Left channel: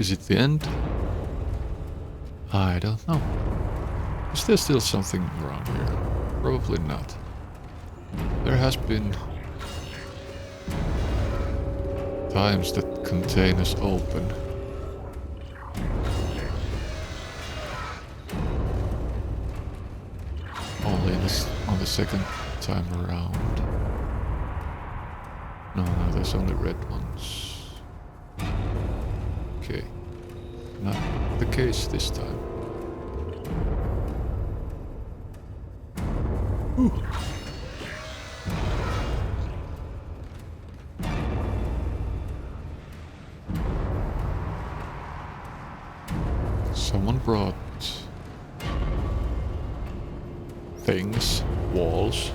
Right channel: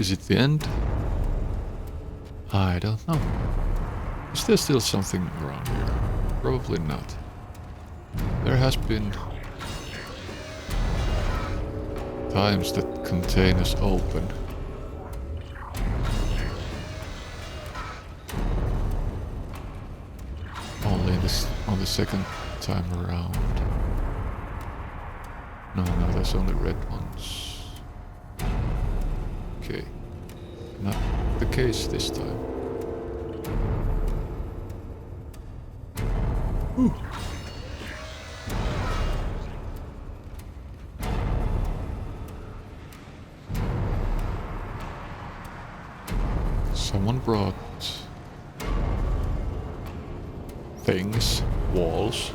Is it the end? I don't know. Is there still something around here? Probably not. There has been times that containers open. Only on the second time around. No, there's only red ones. Okay. Not the case this time. Ooh. Someone brought things, walls.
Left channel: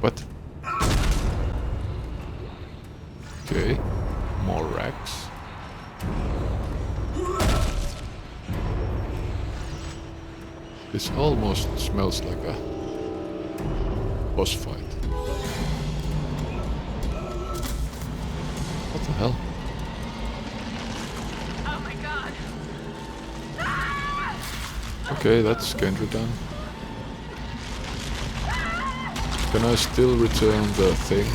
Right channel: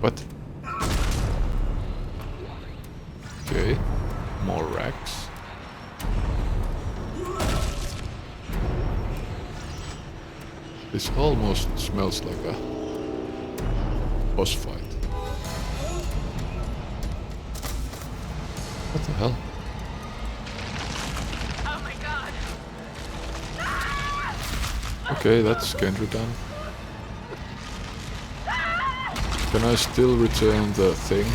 What? Okay, more racks. This almost smells like a boss fight. What the hell? Oh my god. Okay, that's Kendra done. Can I still return the thing?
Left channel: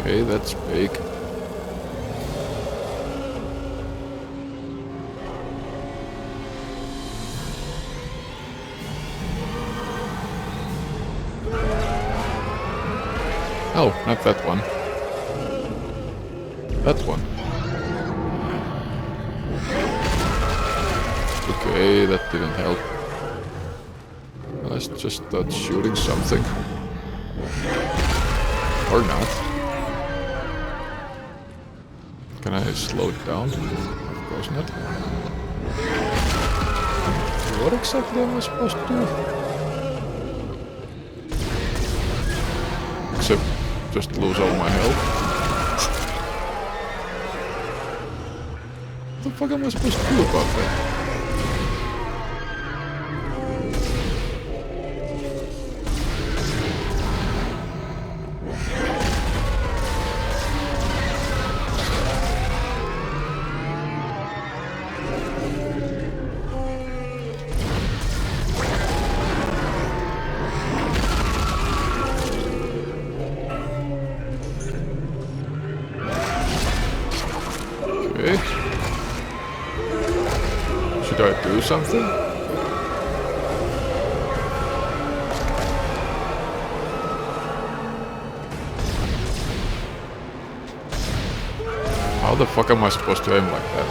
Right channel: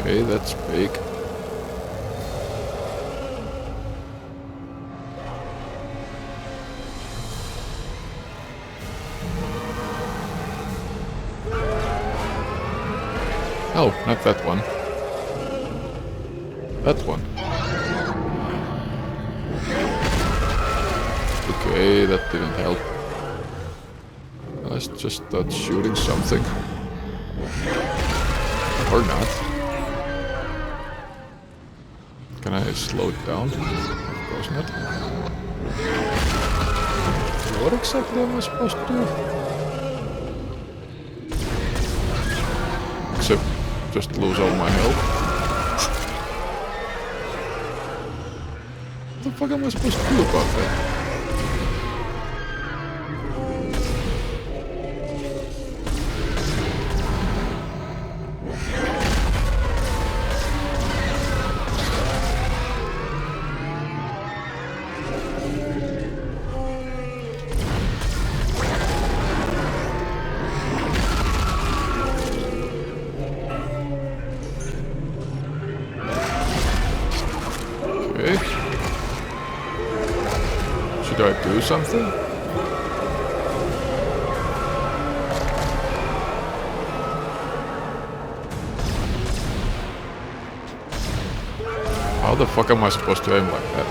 Okay, that's big. Oh, not that one. That one. Okay, that didn't help. I just thought shooting something. Or not. Can I slow it down? Of course not. What exactly am I supposed to do? Except just lose all my health. What the fuck am I supposed to do about that? Okay. Should I do something? How the fuck am I supposed to aim like that?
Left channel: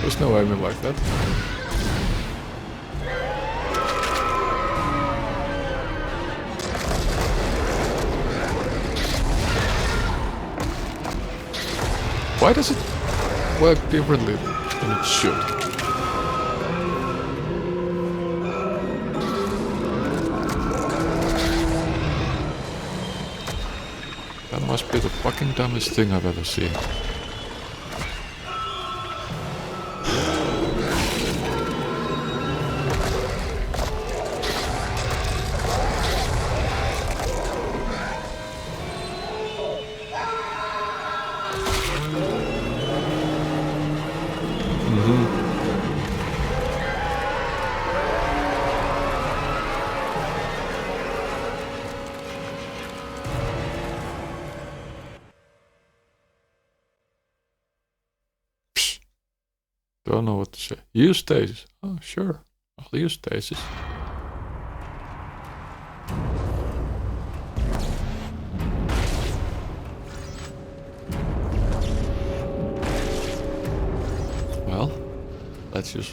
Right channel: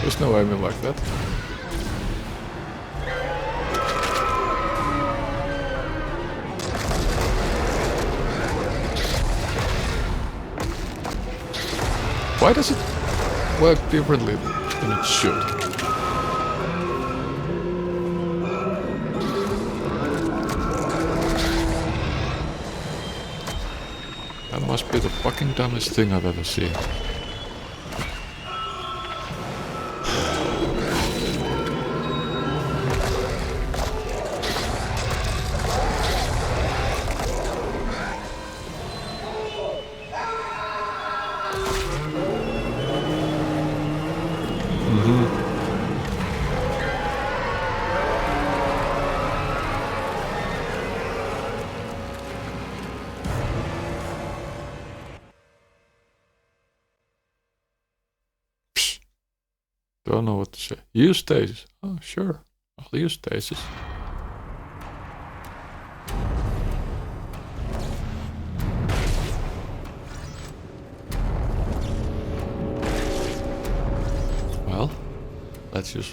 There's no aiming like that. Why does it work differently than it should? That must be the fucking dumbest thing I've ever seen. Don't know what to say. Use stasis. Oh, sure. I'll use stasis. Let's use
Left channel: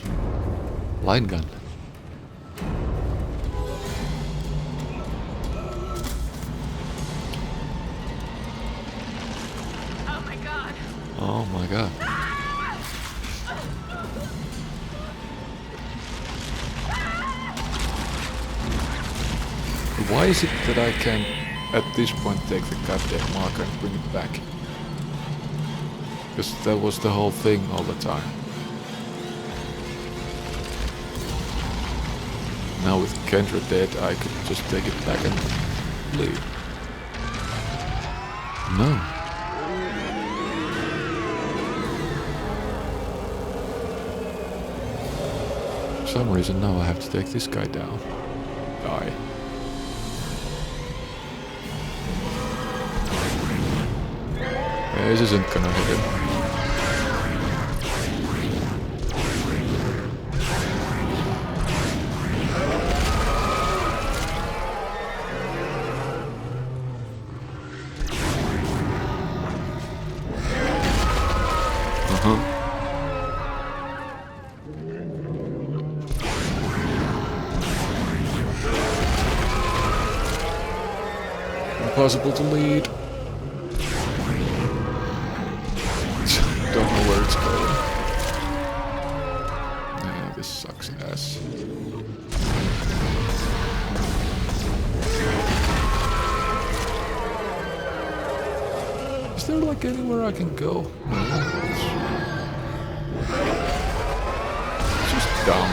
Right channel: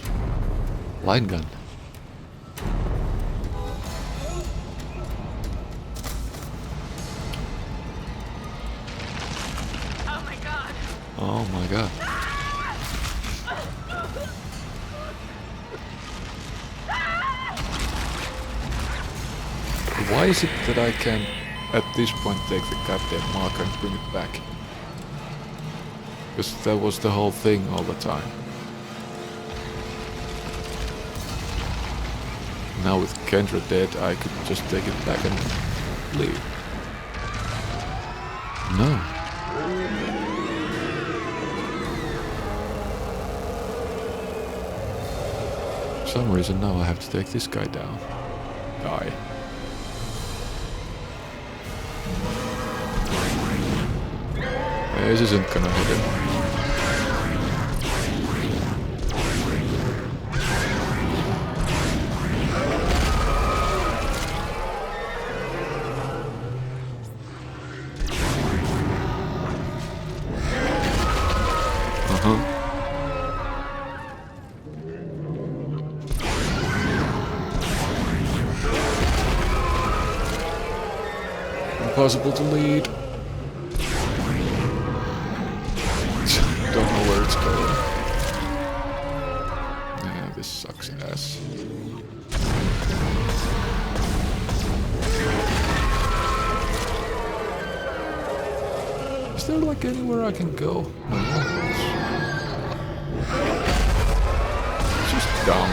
line gun. Oh my god. Oh my god. Why is it that I can at this point take the goddamn marker and bring it back? Because that was the whole thing all the time. Now with Kendra dead, I could just take it back and leave. No. For some reason now I have to take this guy down. Die. This isn't gonna hit him. Impossible to lead. Don't know where it's going. Yeah, this sucks ass. Is there like anywhere I can go? No, it's just dumb.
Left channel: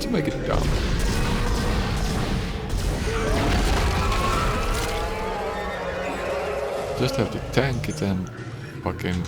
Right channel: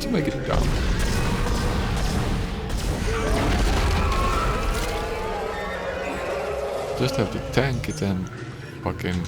To make it dumb. Just have to tank it and fucking...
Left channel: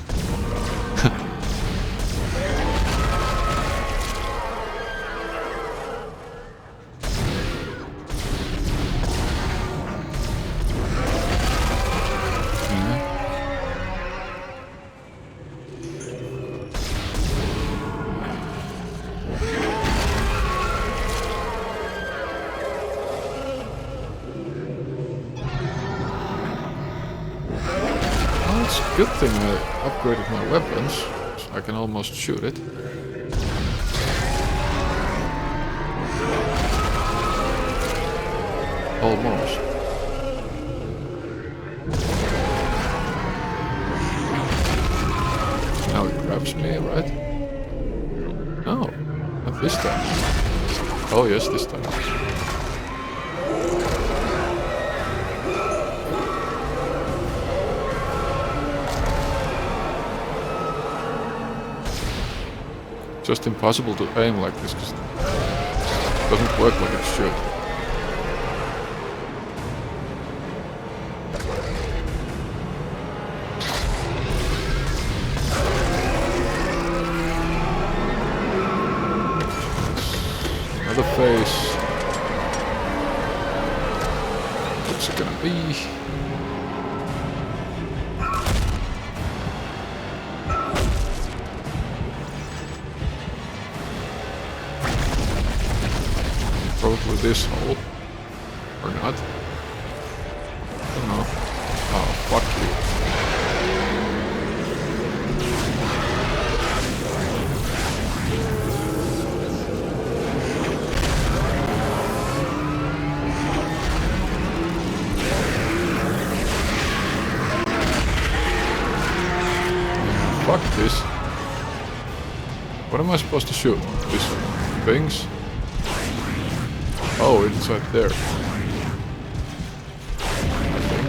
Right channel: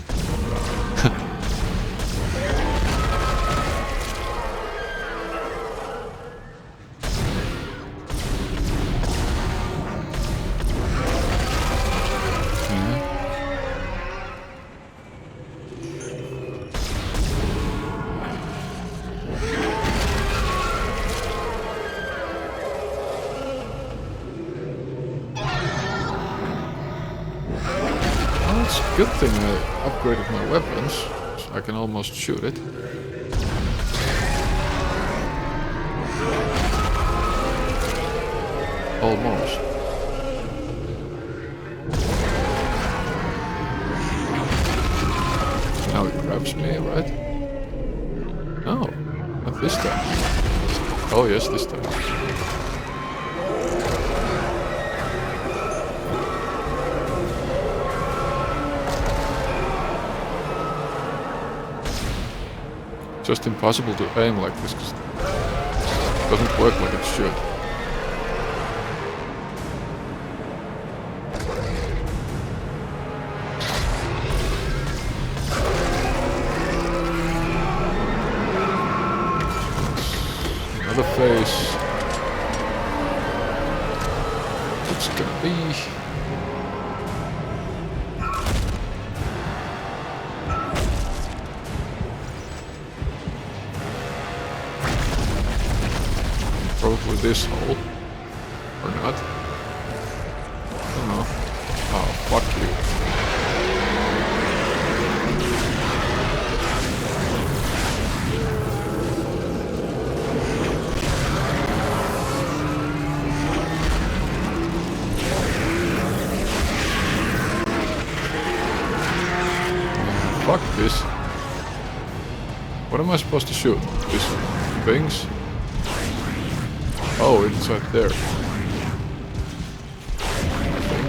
It's a good thing I upgraded my weapons, so I can almost shoot it. Almost. Now it grabs me, right? No, not this time. Oh yes, this time. Just impossible to aim like this because it doesn't work like it should. Another phase. What's it gonna be? Probably this hole. Or not. I don't know. Oh, fuck you. Fuck this. What am I supposed to shoot? These things? Oh, it's right there. I think.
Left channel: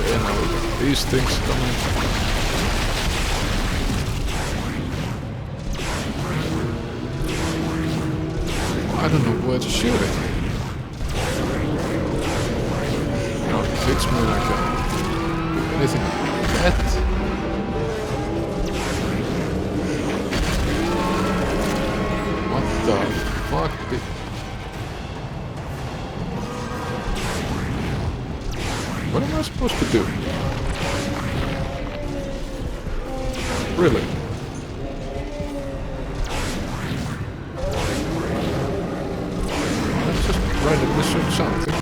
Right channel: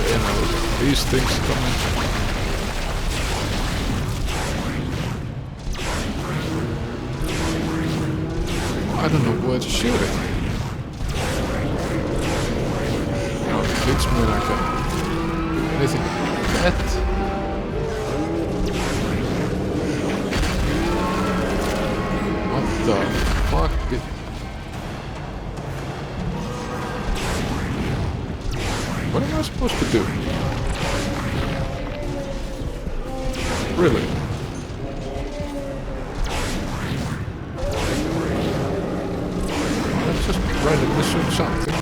Okay, now we got these things coming. I don't know where to shoot it. Now it hits me and I can't do anything like that. What the fuck? What am I supposed to do? Really? Let's just randomly shoot something.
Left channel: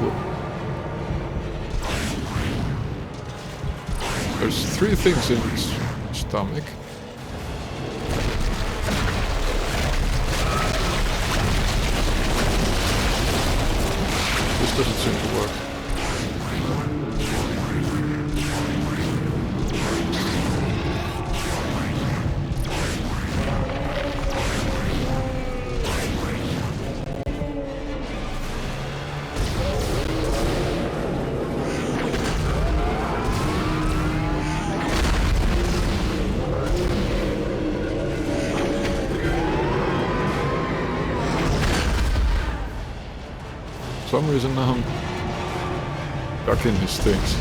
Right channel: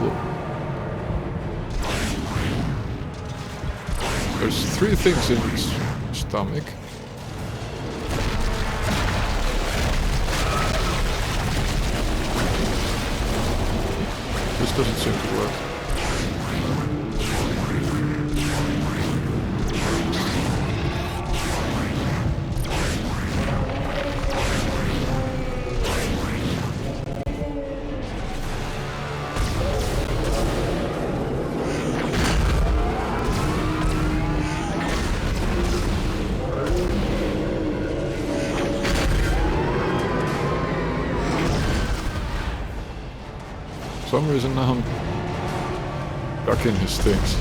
clue. There's 3 things in his stomach. This doesn't seem to work. For some reason now I'm back in his things.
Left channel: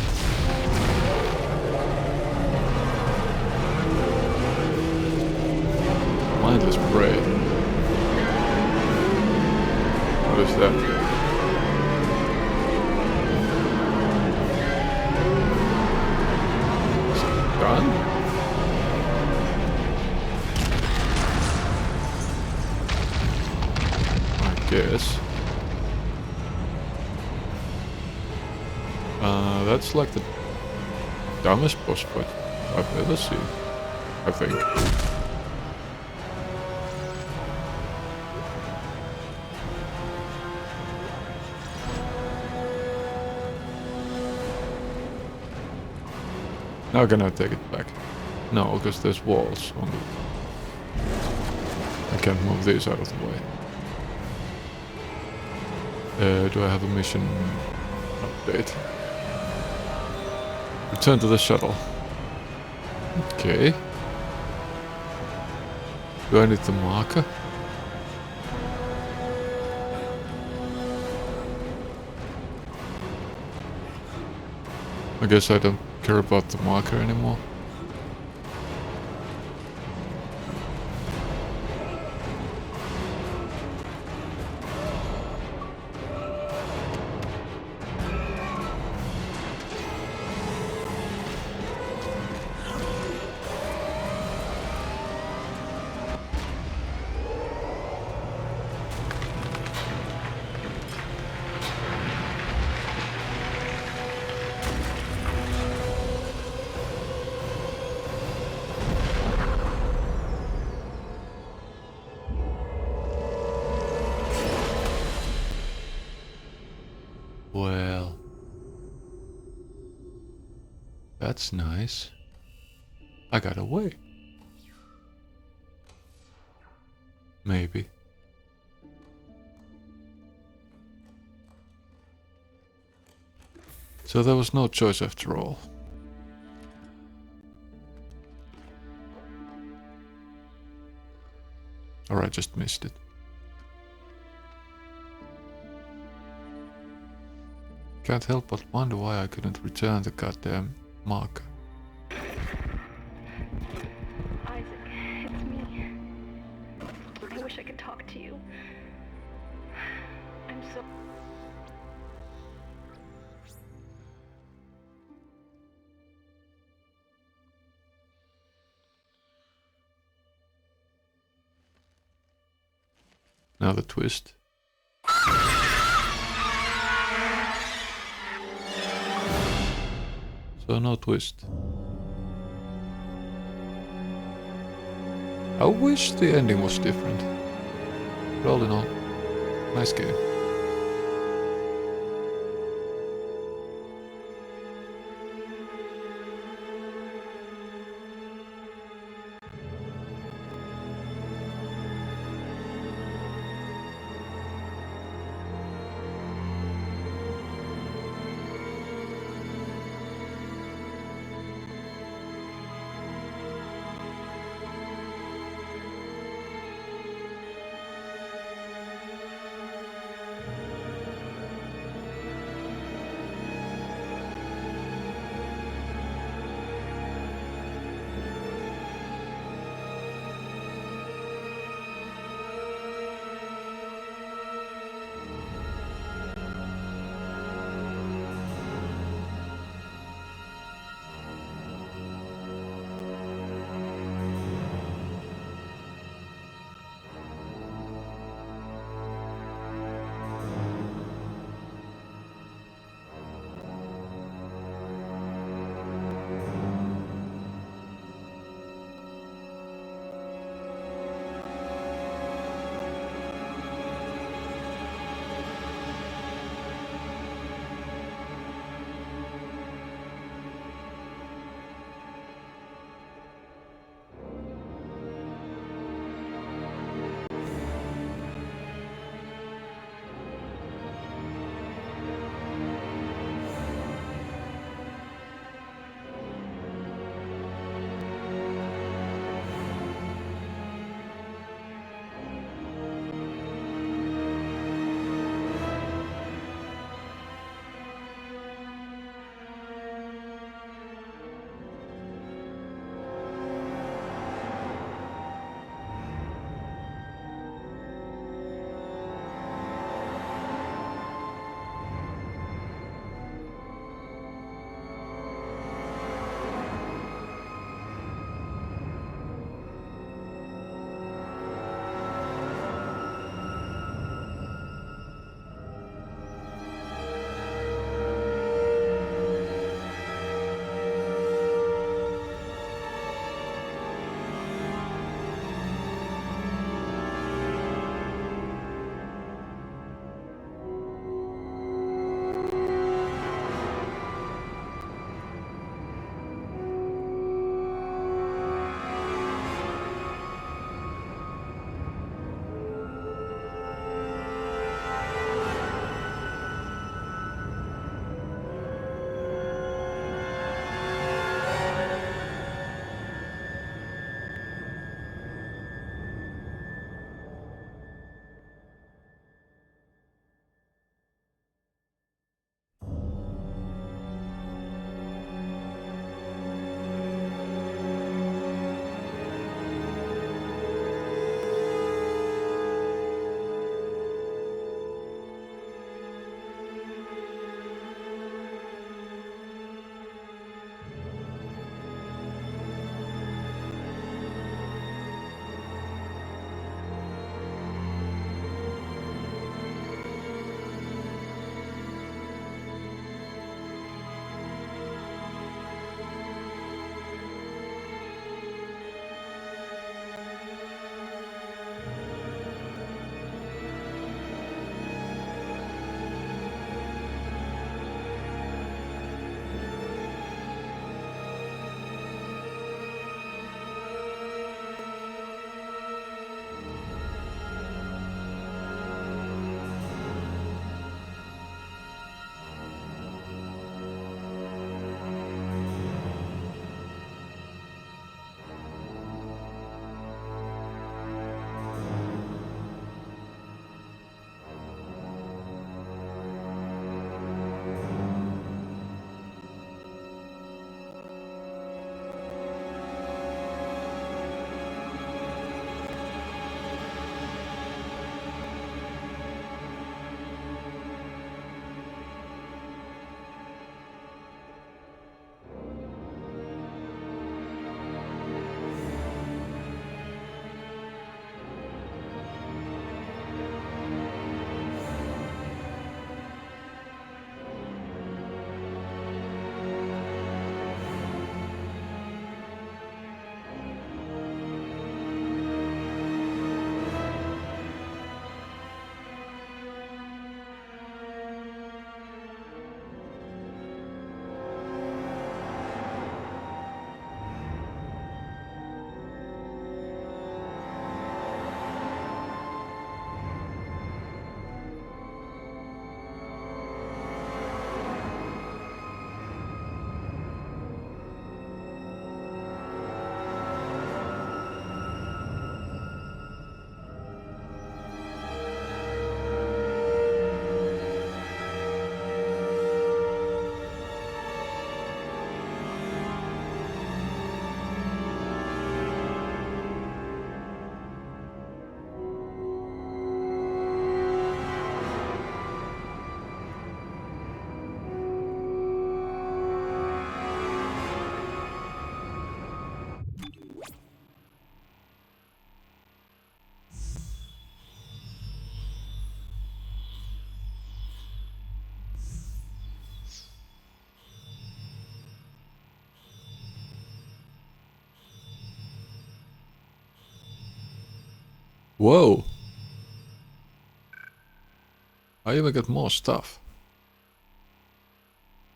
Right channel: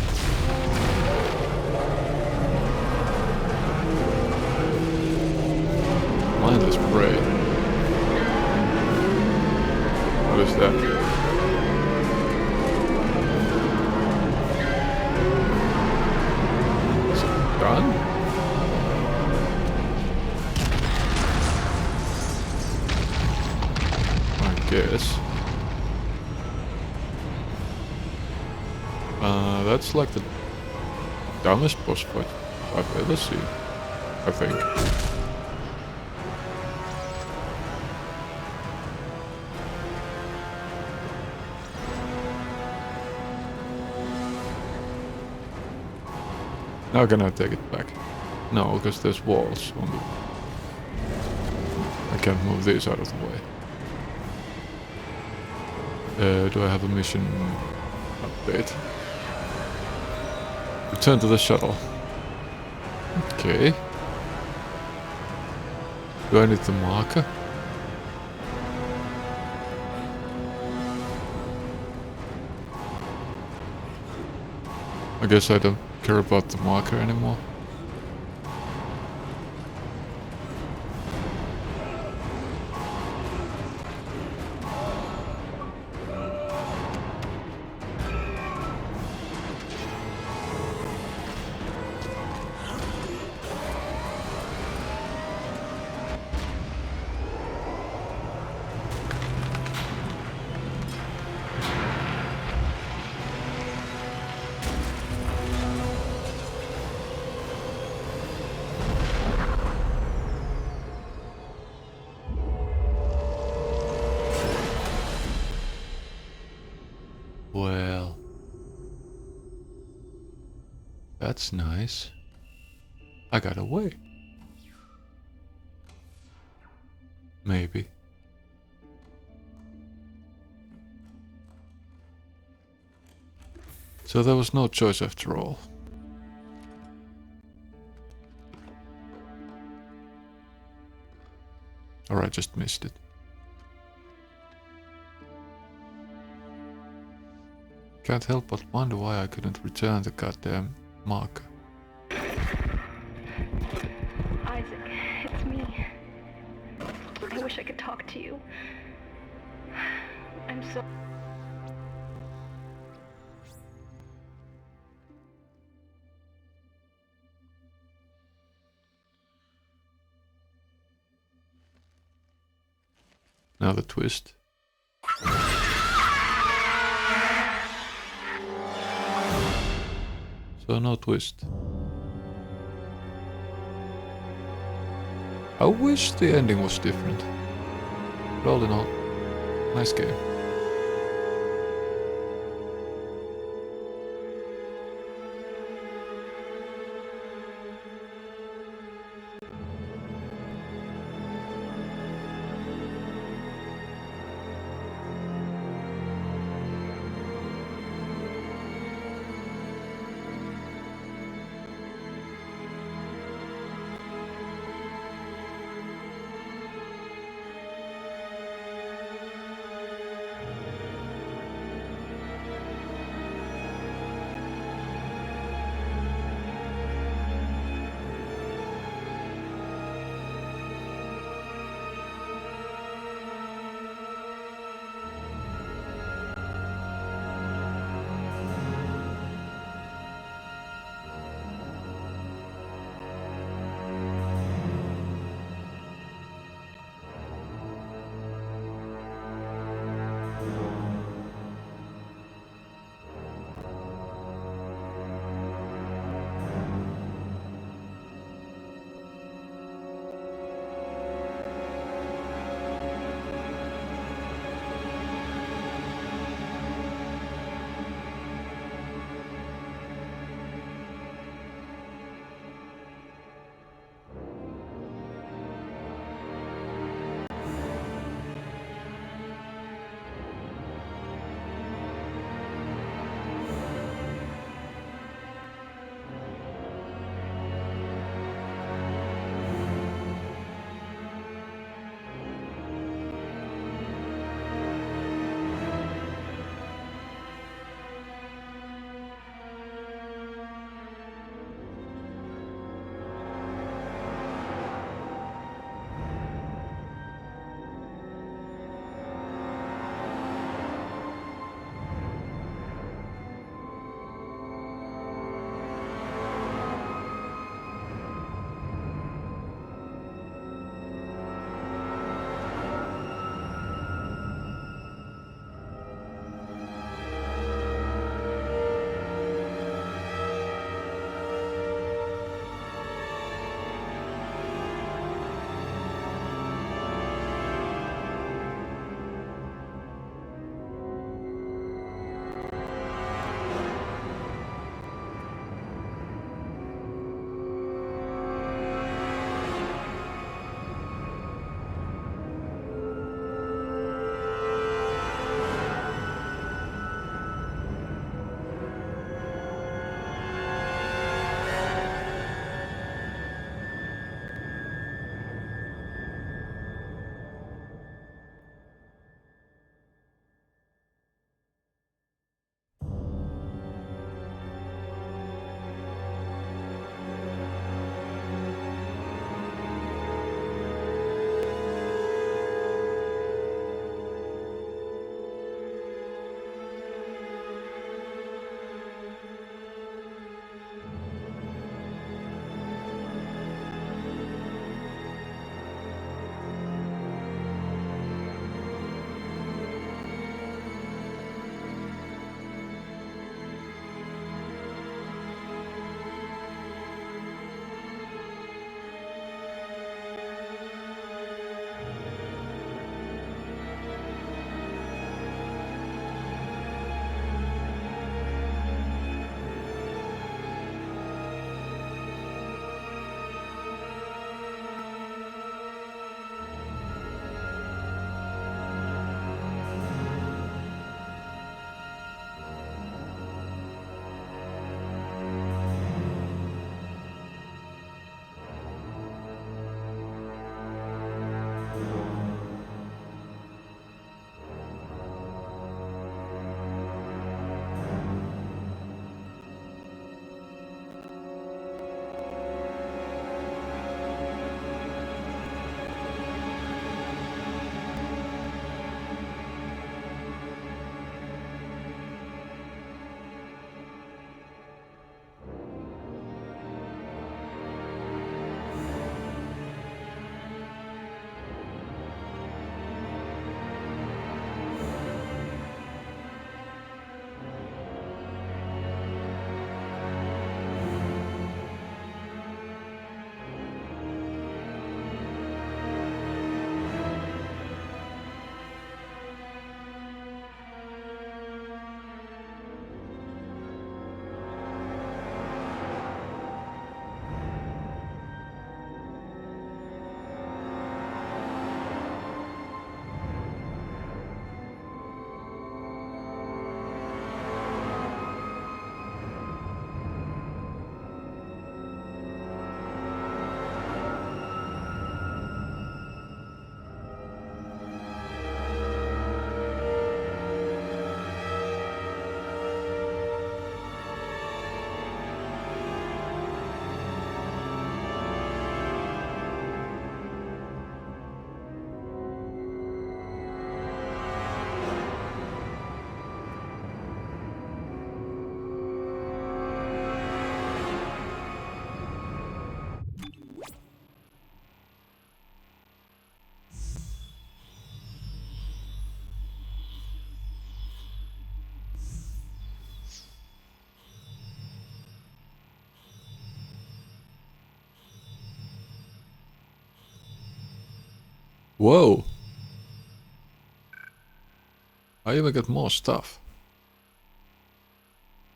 Mindless prey. What is that? Is it done? I guess. That's like the dumbest boss fight I've ever seen, I think. Now can I take it back? No, because there's walls on the... I can't move these out of the way. Do I have a mission update? Return to the shuttle. Okay. Do I need the marker? I guess I don't care about the marker anymore. Well, that's nice. I got away. Maybe. So there was no choice after all. Or I just missed it. Can't help but wonder why I couldn't return the goddamn marker. Isaac, it's me. I wish I could talk to you. I'm so... Now the twist. So no twist. I wish the ending was different. But all in all, nice game. Whoa! I even got more stuff.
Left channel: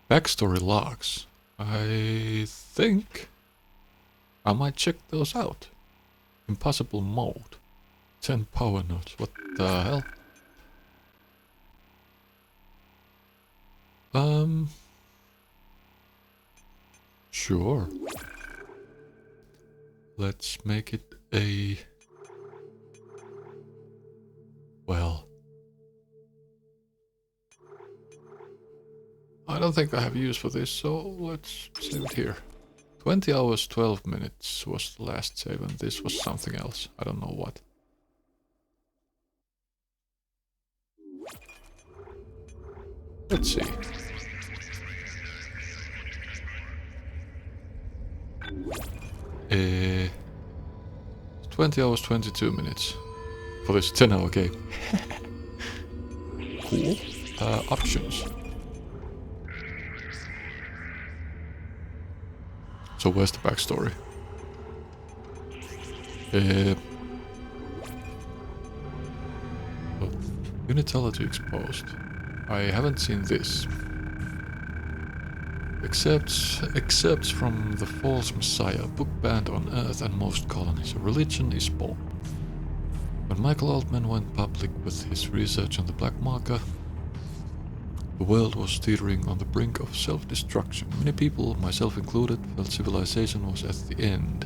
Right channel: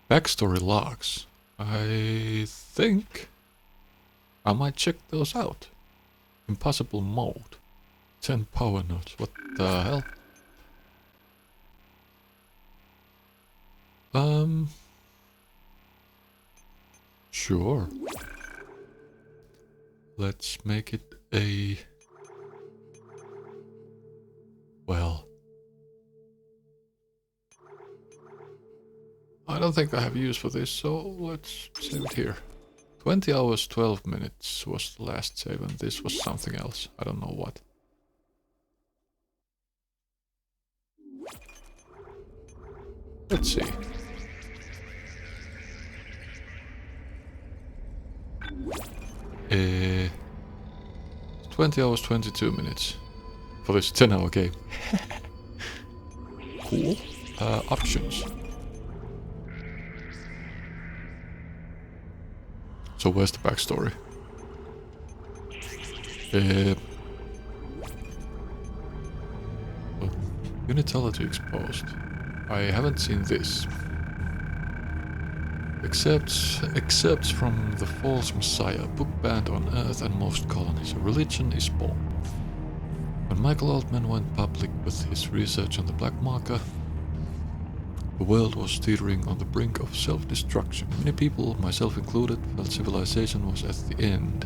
Backstory logs. I think I might check those out. Impossible mode. 10 power nodes. What the hell? Sure. Let's make it a... Well... I don't think I have use for this, so let's save it here. 20 hours, 12 minutes was the last save, and this was something else. I don't know what. Let's see. 20 hours, 22 minutes for this 10-hour game. Cool. Options. So where's the backstory? Unitology exposed. I haven't seen this. Excerpts from the false messiah, book banned on Earth and most colonies. A religion is born. When Michael Altman went public with his research on the black market, the world was teetering on the brink of self-destruction. Many people, myself included, felt civilization was at the end.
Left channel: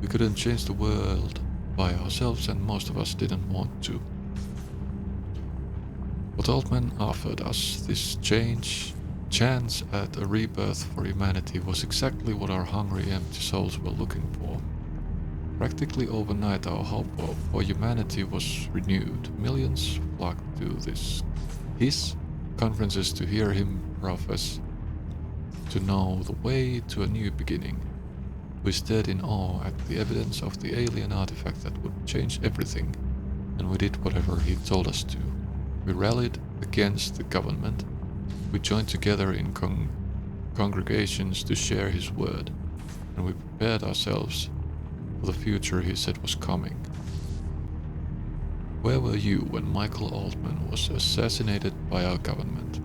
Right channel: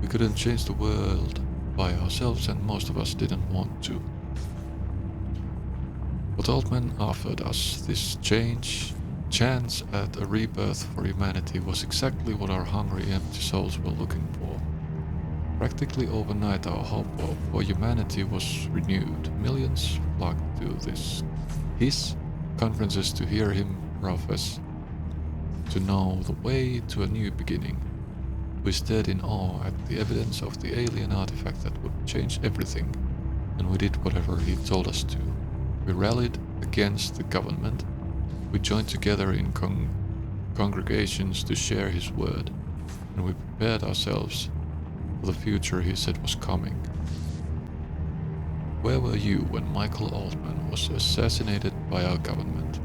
We couldn't change the world by ourselves, and most of us didn't want to. What Altman offered us, this chance at a rebirth for humanity, was exactly what our hungry, empty souls were looking for. Practically overnight, our hope for humanity was renewed. Millions flocked to his conferences to hear him profess to know the way to a new beginning. We stared in awe at the evidence of the alien artifact that would change everything, and we did whatever he told us to. We rallied against the government. We joined together in congregations to share his word, and we prepared ourselves for the future he said was coming. Where were you when Michael Altman was assassinated by our government?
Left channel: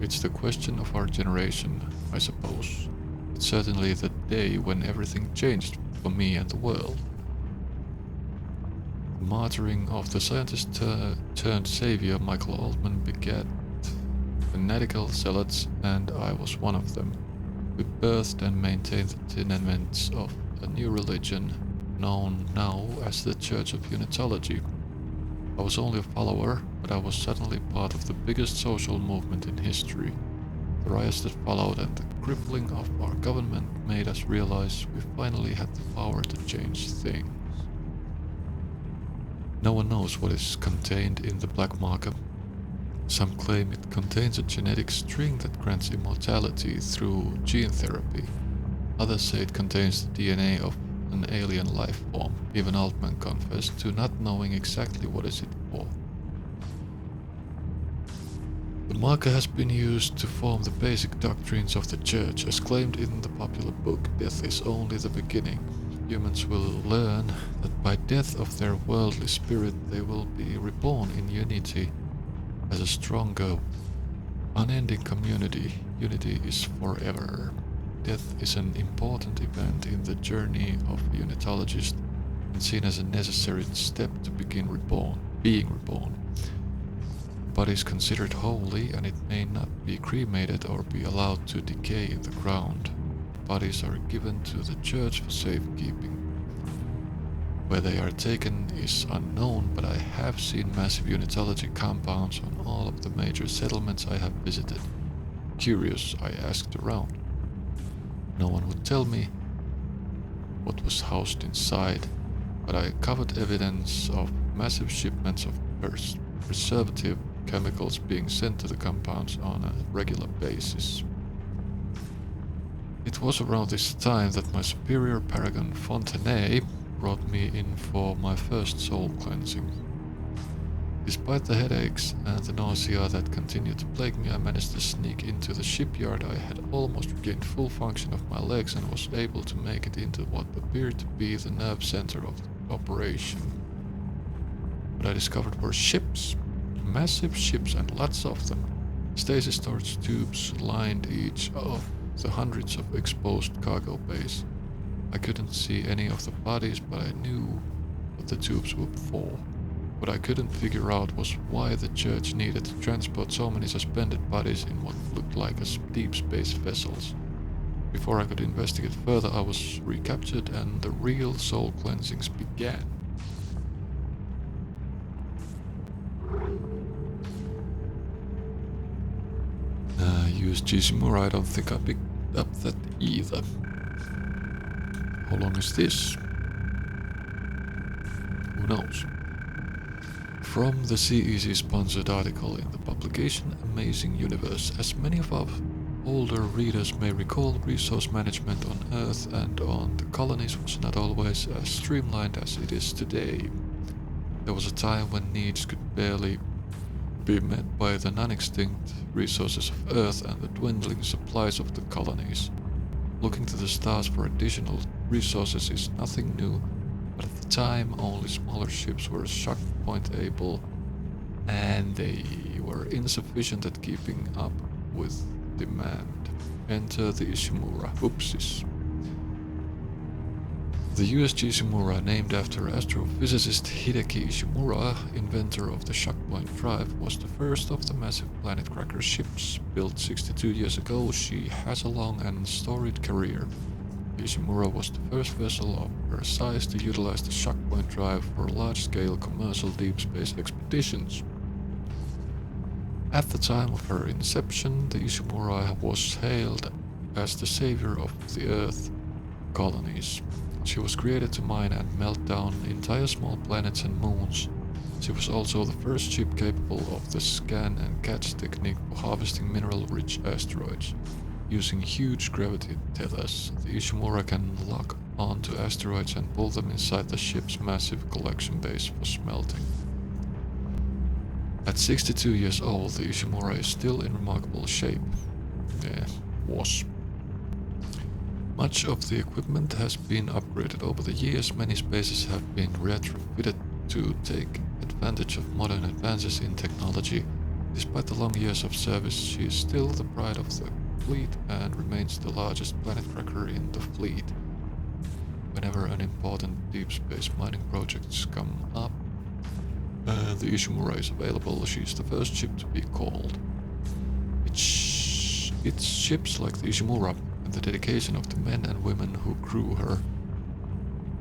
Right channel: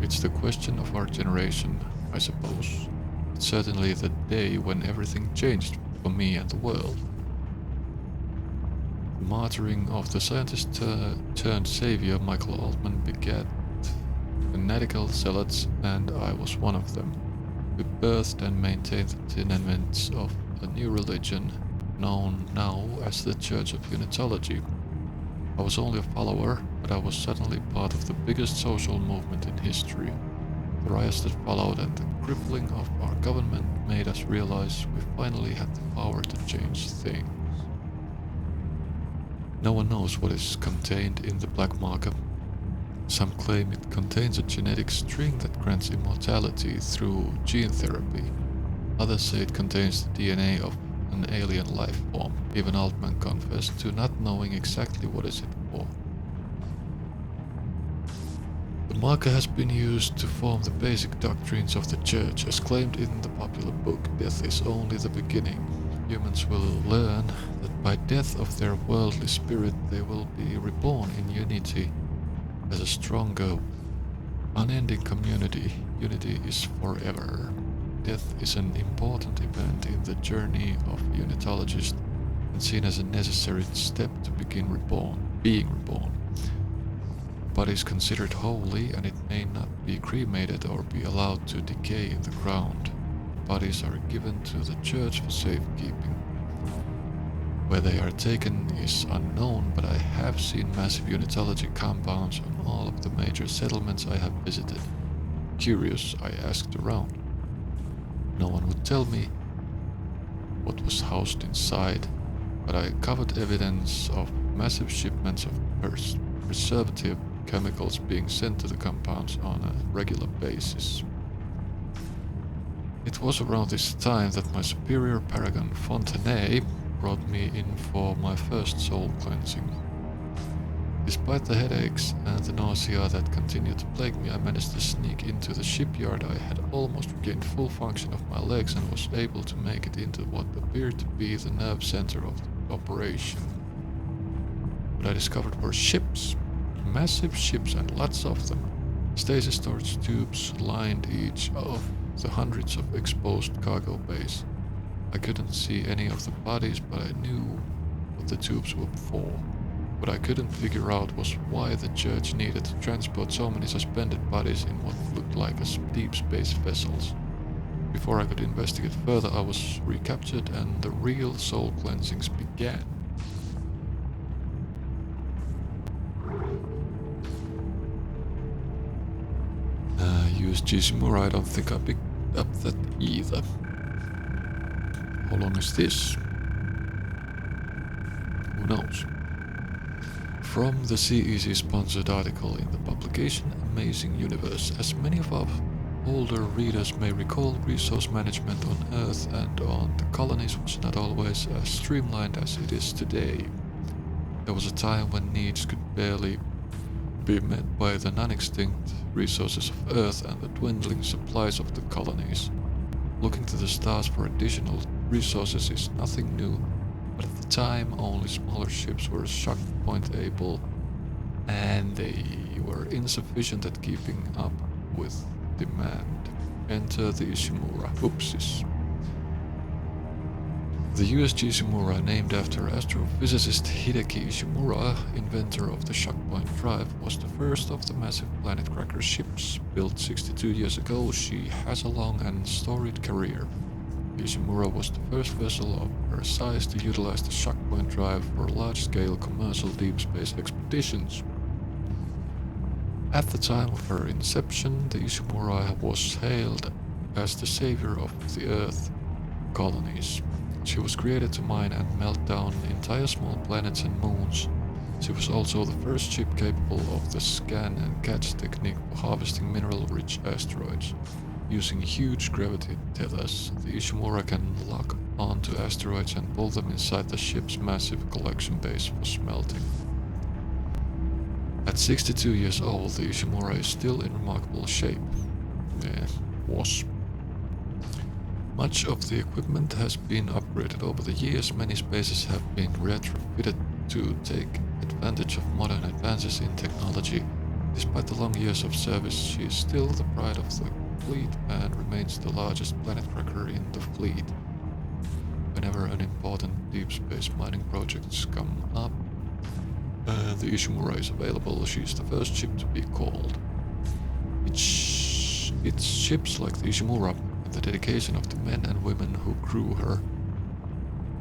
It's the question of our generation, I suppose. It's certainly the day when everything changed for me and the world. The martyring of the scientist turned savior Michael Altman begat fanatical zealots, and I was one of them. We birthed and maintained the tenements of a new religion, known now as the Church of Unitology. I was only a follower, but I was suddenly part of the biggest social movement in history. The riots that followed and the crippling of our government made us realize we finally had the power to change things. No one knows what is contained in the black market. Some claim it contains a genetic string that grants immortality through gene therapy. Others say it contains the DNA of an alien life form. Even Altman confessed to not knowing exactly what is it for. The marker has been used to form the basic doctrines of the Church, as claimed in the popular book Death is Only the Beginning. Humans will learn that by death of their worldly spirit they will be reborn in unity as a stronger, unending community. Unity is forever. Death is an important event in the journey of a unitologist and seen as a necessary step to begin being reborn. The body is considered holy, and it may not be cremated or be allowed to decay in the ground. Bodies are given to the church for safekeeping. Where they are taken is unknown, but I have seen massive unitology compounds on all of the major settlements I have visited. Curious, I asked around. No one would tell me what was housed inside, but I covered evidence of massive shipments of preservative chemicals being sent to the compounds on a regular basis. It was around this time that my superior paragon Fontenay brought me in for my first soul cleansing. Despite the headaches and the nausea that continued to plague me, I managed to sneak into the shipyard. I had almost regained full function of my legs and was able to make it into what appeared to be the nerve center of the operation. What I discovered were ships. Massive ships and lots of them. Stasis storage tubes lined each of the hundreds of exposed cargo bays. I couldn't see any of the bodies, but I knew what the tubes were for. What I couldn't figure out was why the church needed to transport so many suspended bodies in what looked like as deep space vessels. Before I could investigate further, I was recaptured and the real soul cleansings began. USG Shimura, I don't think I picked up that either. How long is this? Who knows? From the CEC sponsored article in the publication Amazing Universe. As many of our older readers may recall, resource management on Earth and on the colonies was not always as streamlined as it is today. There was a time when needs could barely be met by the non-extinct resources of Earth and the dwindling supplies of the colonies. Looking to the stars for additional resources is nothing new, but at the time only smaller ships were shock point able, and they were insufficient at keeping up with demand. Enter the Ishimura. Oopsies. The USG Ishimura, named after astrophysicist Hideki Ishimura, inventor of the shockpoint drive, was the first of the massive planet cracker ships. Built 62 years ago, she has a long and storied career. The Ishimura was the first vessel of her size to utilize the shockpoint drive for large-scale commercial deep space expeditions. At the time of her inception, the Ishimura was hailed as the savior of the Earth colonies. She was created to mine and melt down entire small planets and moons. She was also the first ship capable of the scan and catch technique for harvesting mineral-rich asteroids. Using huge gravity tethers, the Ishimura can lock onto asteroids and pull them inside the ship's massive collection base for smelting. At 62 years old, the Ishimura is still in remarkable shape. Was. Much of the equipment has been upgraded over the years. Many spaces have been retrofitted to take advantage of modern advances in technology. Despite the long years of service, she is still the pride of the fleet and remains the largest planet cracker in the fleet. Whenever an important deep space mining projects come up, the Ishimura is available. She is the first ship to be called. It's ships like the Ishimura and the dedication of the men and women who crew her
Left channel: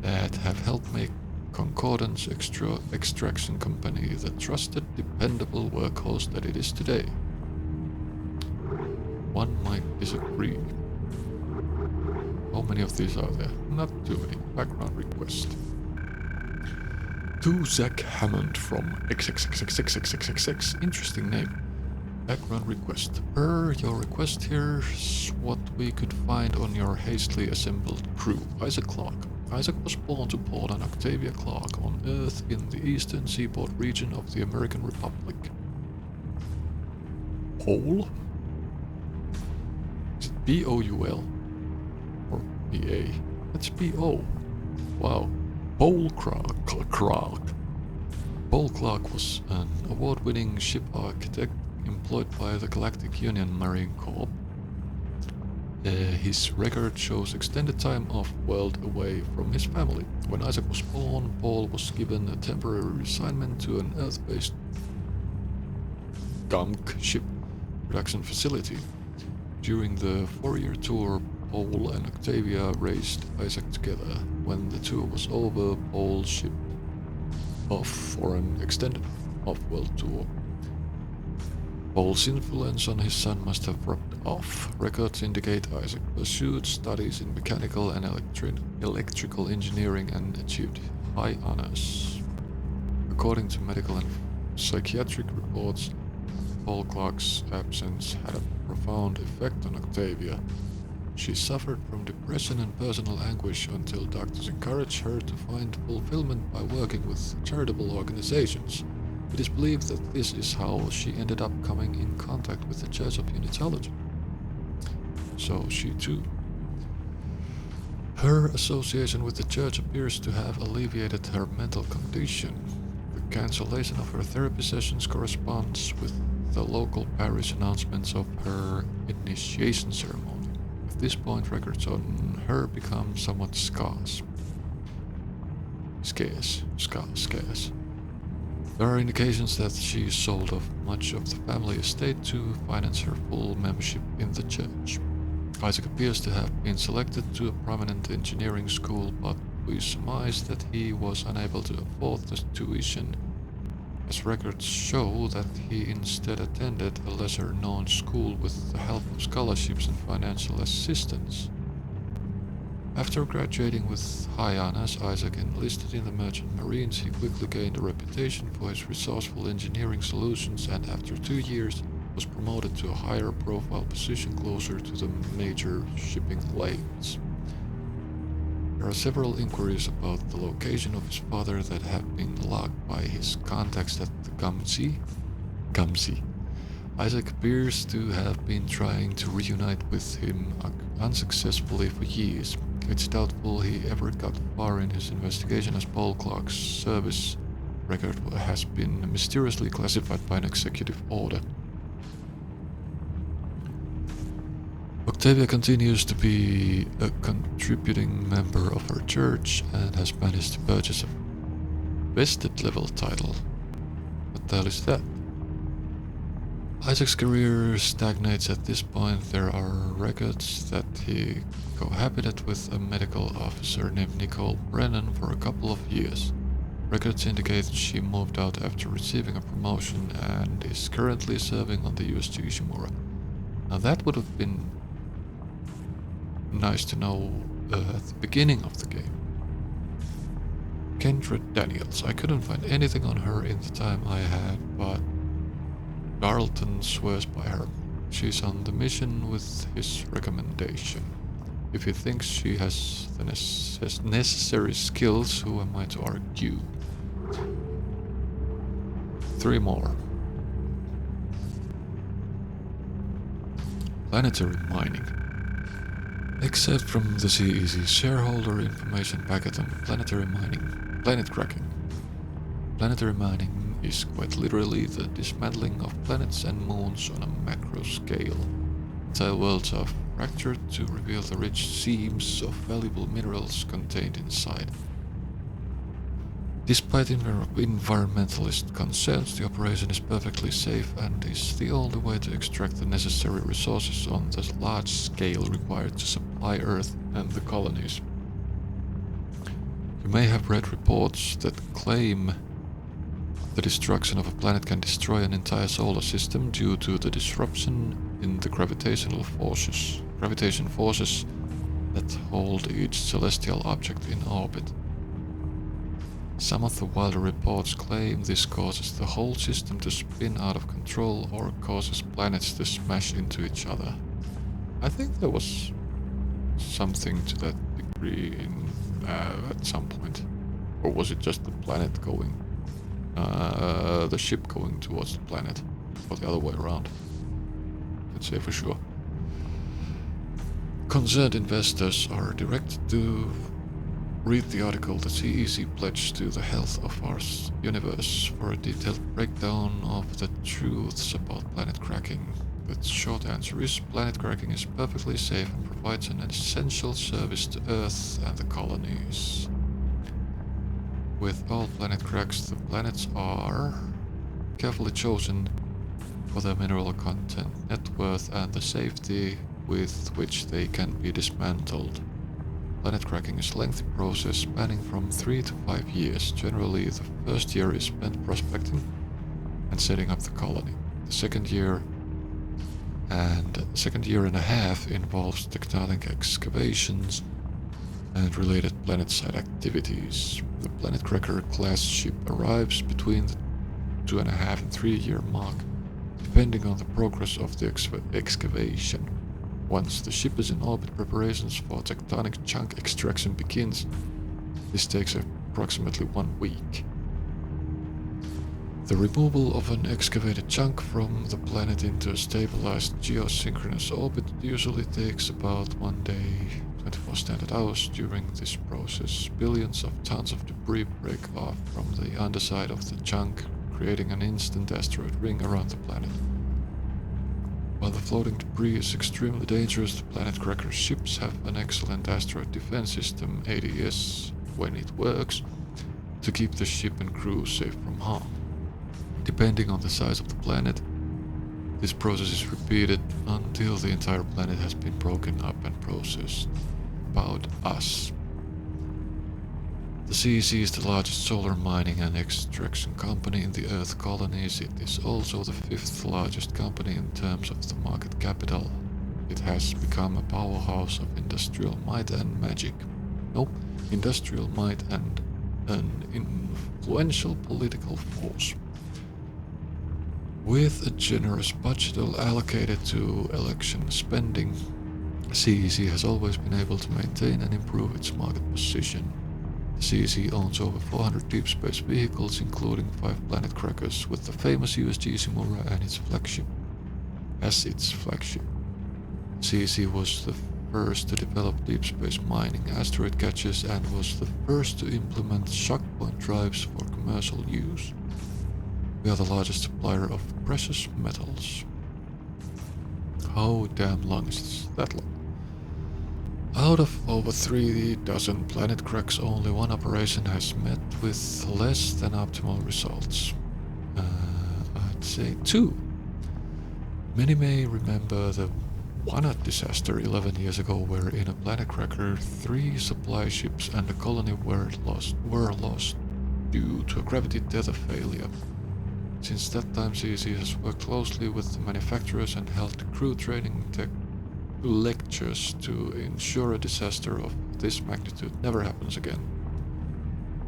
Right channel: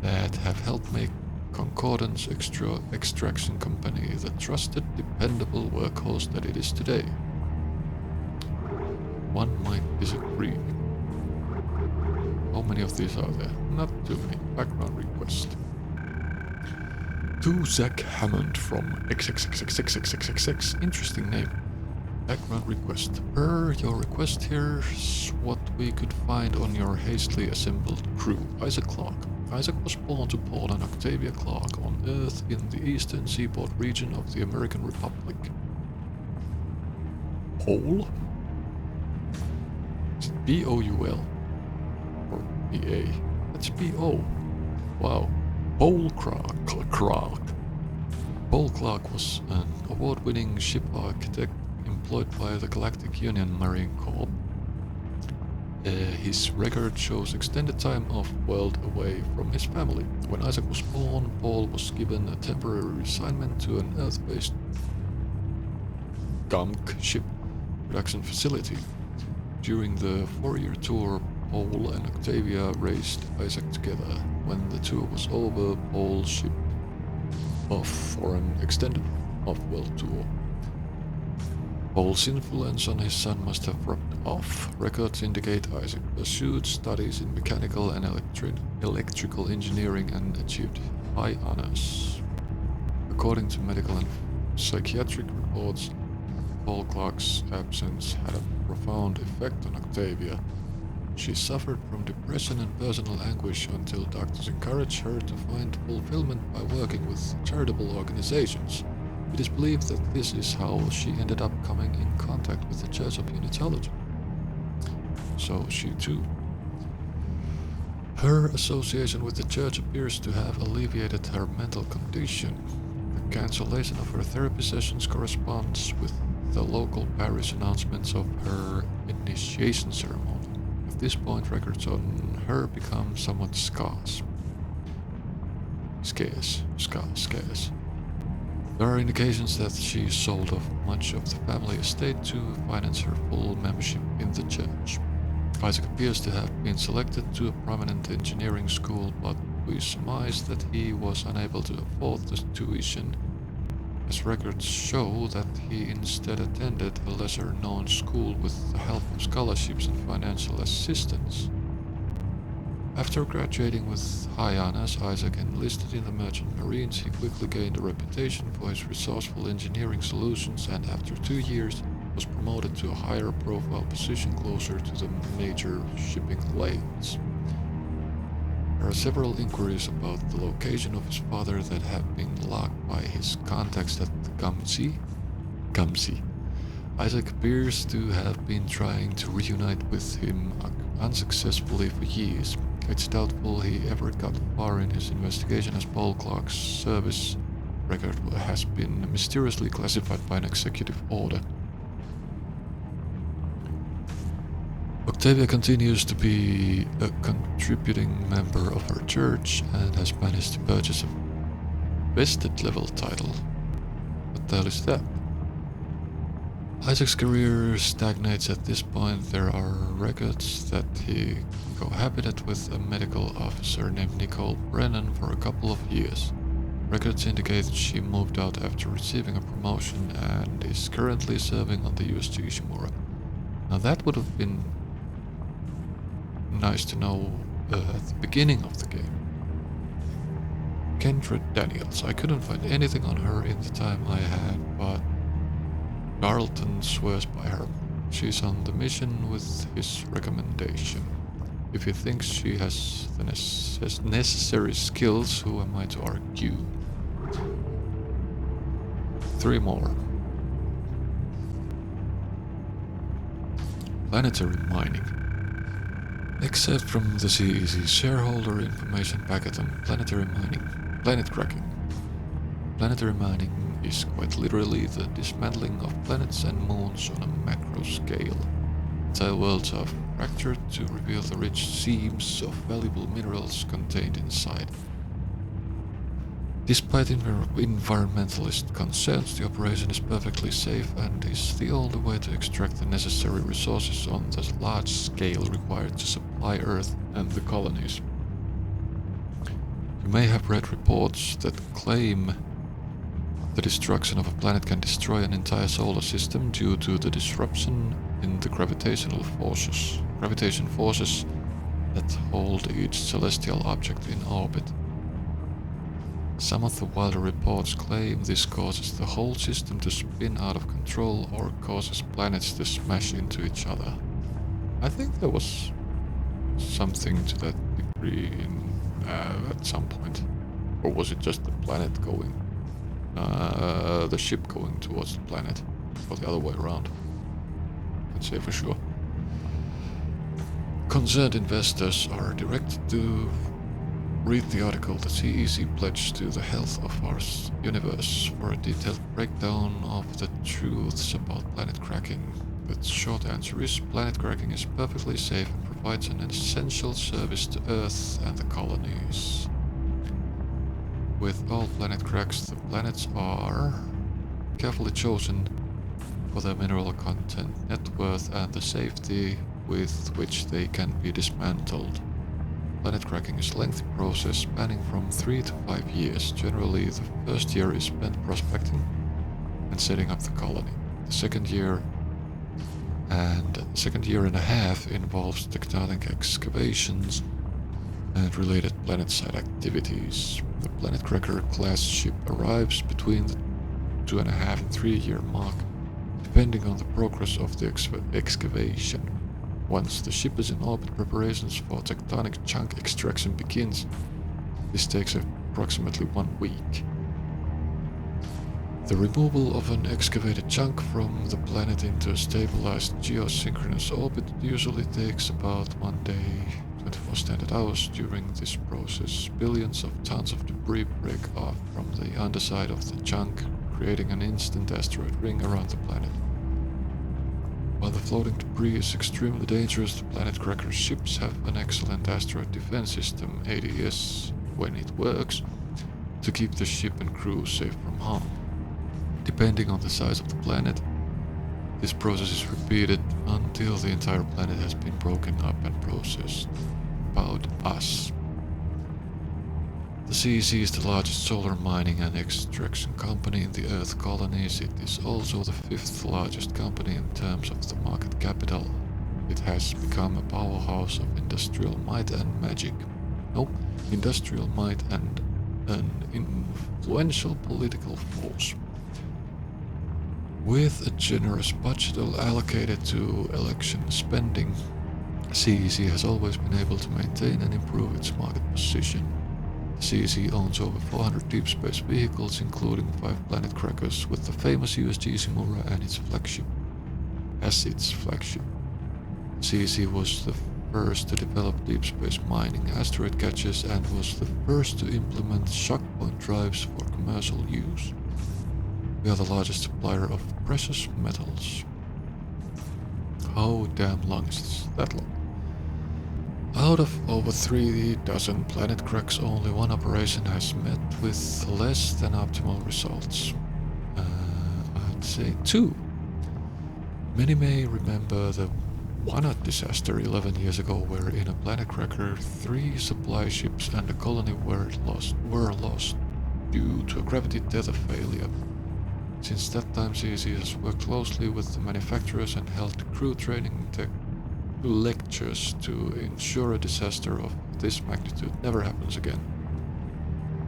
that have helped make Concordance Extraction Company the trusted, dependable workhorse that it is today. One might disagree. How many of these are there? Not too many. Background request. To Zach Hammond from XXXXXXXX. Interesting name. Background request. Per your request, here's what we could find on your hastily assembled crew. Isaac Clarke. Isaac was born to Paul and Octavia Clarke on Earth in the eastern seaboard region of the American Republic. Paul? Is it P-O-U-L? Or P-A? That's P-O. Wow. Paul Clarke. Paul Clarke was an award-winning ship architect employed by the Galactic Union Marine Corps. His record shows extended time off-world away from his family. When Isaac was born, Paul was given a temporary assignment to an Earth-based GUMC ship production facility. During the 4-year tour, Paul and Octavia raised Isaac together. When the tour was over, Paul shipped off for an extended off-world tour. Paul's influence on his son must have rubbed off. Records indicate Isaac pursued studies in mechanical and electrical engineering and achieved high honors. According to medical and psychiatric reports, Paul Clarke's absence had a profound effect on Octavia. She suffered from depression and personal anguish until doctors encouraged her to find fulfillment by working with charitable organizations. It is believed that this is how she ended up coming in contact with the Church of Unitology. So she too. Her association with the Church appears to have alleviated her mental condition. The cancellation of her therapy sessions corresponds with the local parish announcements of her initiation ceremony. At this point, records on her become somewhat scarce. Scarce. There are indications that she sold off much of the family estate to finance her full membership in the church. Isaac appears to have been selected to a prominent engineering school, but we surmise that he was unable to afford the tuition, as records show that he instead attended a lesser-known school with the help of scholarships and financial assistance. After graduating with high honors, Isaac enlisted in the Merchant Marines. He quickly gained a reputation for his resourceful engineering solutions, and after 2 years was promoted to a higher profile position closer to the major shipping lanes. There are several inquiries about the location of his father that have been logged by his contacts at the Gumsy. Isaac appears to have been trying to reunite with him unsuccessfully for years. It's doubtful he ever got far in his investigation, as Paul Clark's service record has been mysteriously classified by an executive order. Octavia continues to be a contributing member of her church and has managed to purchase a vested level title. What the hell is that? Isaac's career stagnates at this point. There are records that he cohabited with a medical officer named Nicole Brennan for a couple of years. Records indicate she moved out after receiving a promotion and is currently serving on the USG Ishimura. Now that would have been nice to know at the beginning of the game. Kendra Daniels. I couldn't find anything on her in the time I had, but Darlton swears by her. She's on the mission with his recommendation. If he thinks she has the necessary skills, who am I to argue? 3 more. Planetary mining. Except from the CEC shareholder information packet on planetary mining, planet cracking. Planetary mining is quite literally the dismantling of planets and moons on a macro scale. Entire worlds are fractured to reveal the rich seams of valuable minerals contained inside. Despite environmentalist concerns, the operation is perfectly safe and is the only way to extract the necessary resources on the large scale required to supply Earth and the colonies. You may have read reports that claim the destruction of a planet can destroy an entire solar system due to the disruption in the gravitation forces that hold each celestial object in orbit. Some of the wilder reports claim this causes the whole system to spin out of control or causes planets to smash into each other. I think there was something to that degree at some point. Or was it just the planet going, the ship going towards the planet, or the other way around? Let's say for sure. Concerned investors are directed to read the article The CEC pledged to the health of our universe for a detailed breakdown of the truths about planet cracking. The short answer is planet cracking is perfectly safe and provides an essential service to Earth and the colonies. With all planet cracks, the planets are carefully chosen for their mineral content, net worth, and the safety with which they can be dismantled. Planet cracking is a lengthy process spanning from 3 to 5 years. Generally, the first year is spent prospecting and setting up the colony. The second year and a half involves tectonic excavations and related planet-side activities. The Planet Cracker class ship arrives between the 2.5 and 3 year mark, depending on the progress of the excavation. Once the ship is in orbit, preparations for tectonic chunk extraction begins. This takes approximately 1 week. The removal of an excavated chunk from the planet into a stabilized geosynchronous orbit usually takes about 1 day 24 standard hours. During this process, billions of tons of debris break off from the underside of the chunk, creating an instant asteroid ring around the planet. While the floating debris is extremely dangerous, the Planet Cracker's ships have an excellent asteroid defense system, ADS, when it works, to keep the ship and crew safe from harm. Depending on the size of the planet, this process is repeated until the entire planet has been broken up and processed. About us. The CEC is the largest solar mining and extraction company in the Earth colonies. It is also the 5th largest company in terms of the market capital. It has become a powerhouse of industrial might and magic. Nope, industrial might and an influential political force. With a generous budget allocated to election spending, CEC has always been able to maintain and improve its market position. CEC owns over 400 deep space vehicles, including 5 planet crackers, with the famous USG Simura as its flagship. CEC was the first to develop deep space mining asteroid catches and was the first to implement shock point drives for commercial use. We are the largest supplier of precious metals. How damn long is that long? Out of over 3 dozen planet cracks, only one operation has met with less than optimal results. I'd say 2. Many may remember the Wanat disaster 11 years ago, where in a planet cracker 3 supply ships and a colony were lost due to a gravity tether failure. Since that time, CEC has worked closely with the manufacturers and held crew training lectures to ensure a disaster of this magnitude never happens again.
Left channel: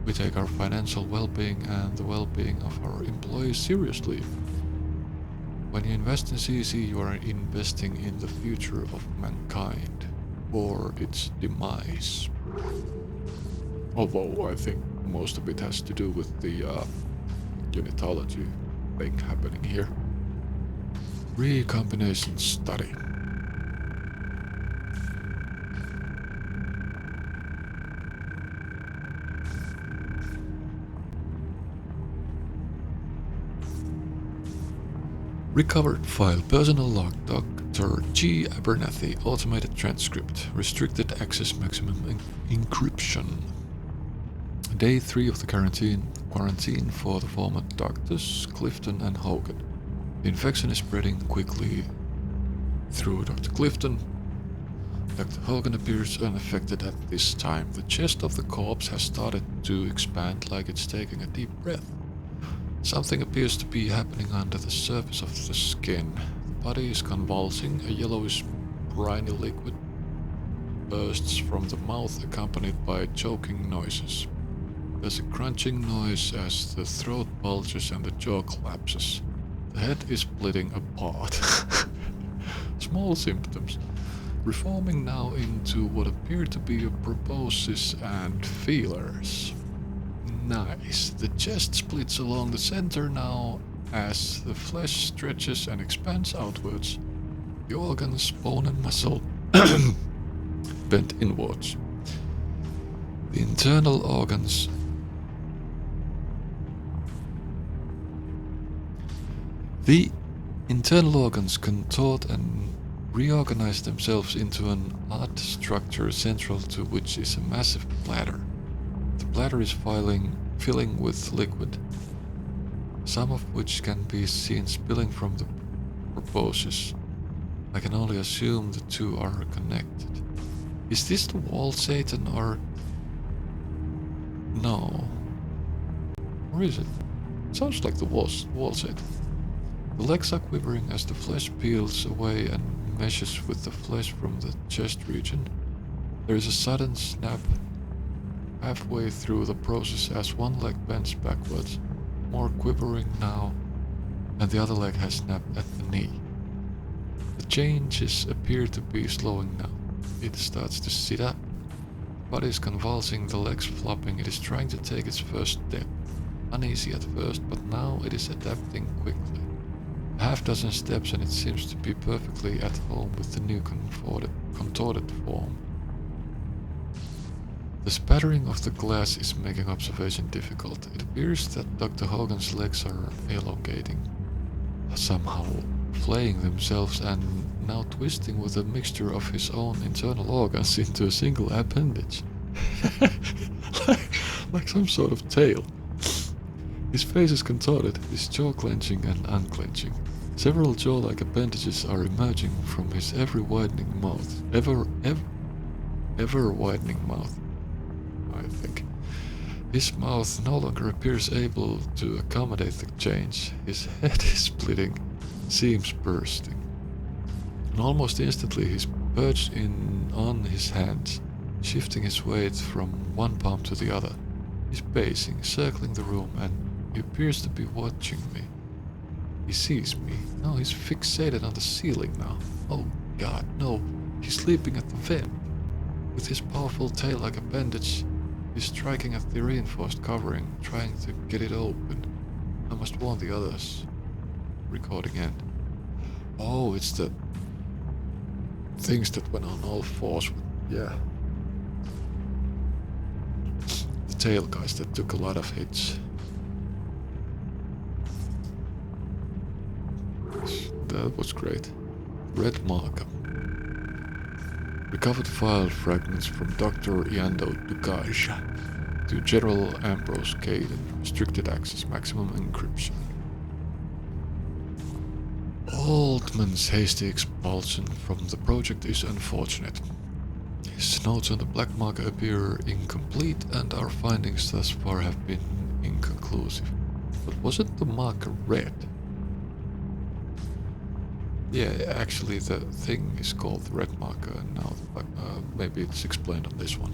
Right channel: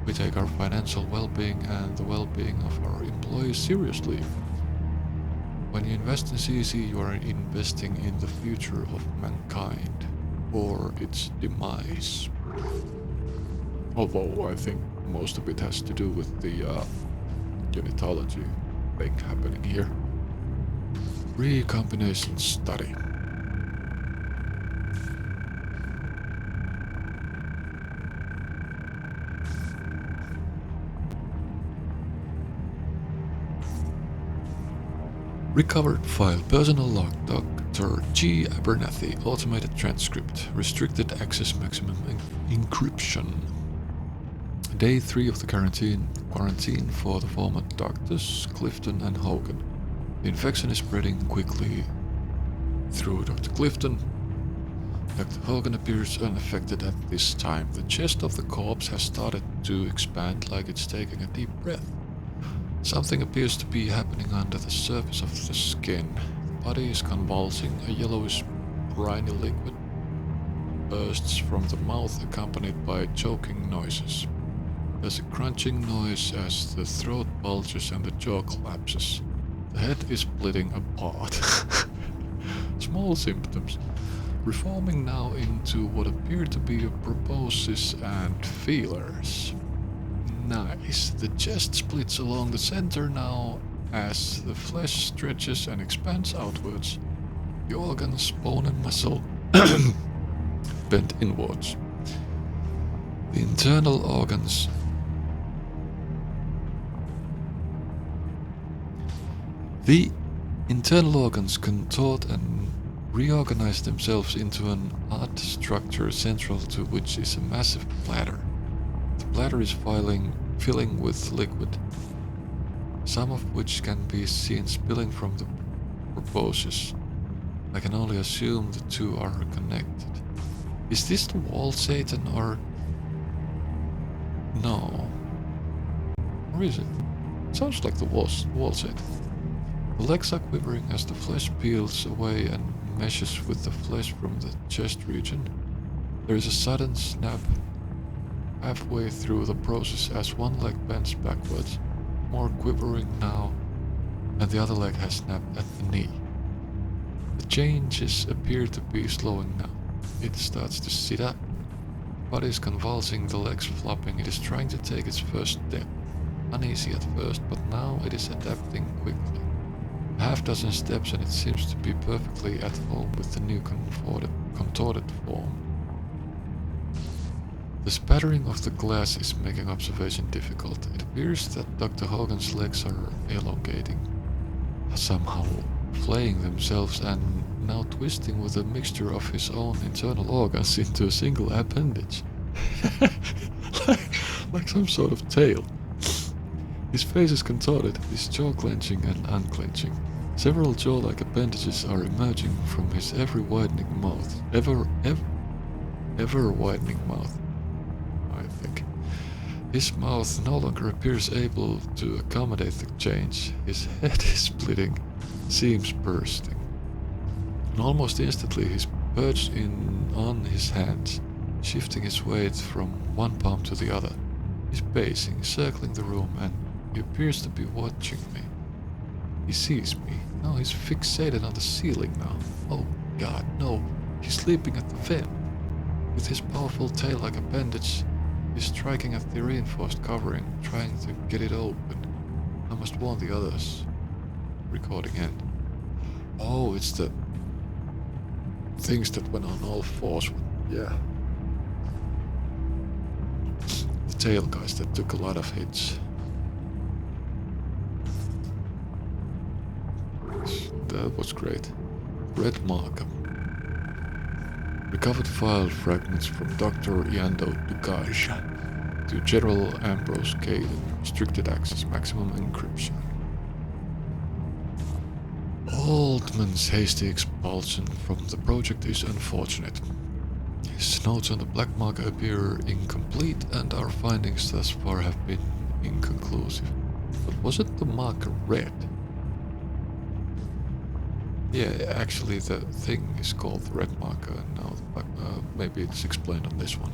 We take our financial well-being and the well-being of our employees seriously. When you invest in CEC, you are investing in the future of mankind, or its demise. Although I think most of it has to do with the unitology thing happening here. Recombination study. Recovered file. Personal log. Dr. G. Abernathy. Automated transcript. Restricted access maximum encryption. Day 3 of the quarantine for the former doctors, Clifton and Hogan. The infection is spreading quickly through Dr. Clifton. Dr. Hogan appears unaffected at this time. The chest of the corpse has started to expand like it's taking a deep breath. Something appears to be happening under the surface of the skin. The body is convulsing. A yellowish, briny liquid bursts from the mouth, accompanied by choking noises. There's a crunching noise as the throat bulges and the jaw collapses. The head is splitting apart. Small symptoms. Reforming now into what appear to be a proboscis and feelers. Nice. The chest splits along the center now as the flesh stretches and expands outwards. The organs, bone and muscle bend inwards. The internal organs contort and reorganize themselves into an odd structure central to which is a massive bladder. The bladder is filling with liquid, some of which can be seen spilling from the proboscis. I can only assume the two are connected. Is this the wall Satan or... no. Or is it? Sounds like the wall Satan. The legs are quivering as the flesh peels away and meshes with the flesh from the chest region. There is a sudden snap halfway through the process as one leg bends backwards, more quivering now, and the other leg has snapped at the knee. The changes appear to be slowing now. It starts to sit up. The body is convulsing, the legs flopping. It is trying to take its first step. Uneasy at first, but now it is adapting quickly. A half-dozen steps and it seems to be perfectly at home with the new contorted form. The spattering of the glass is making observation difficult. It appears that Dr. Hogan's legs are elongating, somehow flaying themselves and now twisting with a mixture of his own internal organs into a single appendage. like some sort of tail. His face is contorted, his jaw clenching and unclenching. Several jaw-like appendages are emerging from his ever widening mouth, I think. His mouth no longer appears able to accommodate the change. His head is splitting, seams bursting. And almost instantly he's perched on his hands, shifting his weight from one palm to the other. He's pacing, circling the room, and he appears to be watching me. He sees me. No, he's fixated on the ceiling now. Oh god, no. He's leaping at the vent. With his powerful tail-like appendage, he's striking at the reinforced covering, trying to get it open. I must warn the others. Recording end. Oh, it's the things that went on all fours with, yeah. The tail guys that took a lot of hits. That was great. Red marker. Recovered file fragments from Dr. Yando Dukaj to General Ambrose Caden. Restricted access, maximum encryption. Altman's hasty expulsion from the project is unfortunate. His notes on the black marker appear incomplete and our findings thus far have been inconclusive. But wasn't the marker red? Yeah, actually the thing is called the red marker and now the black, maybe it's explained on this one.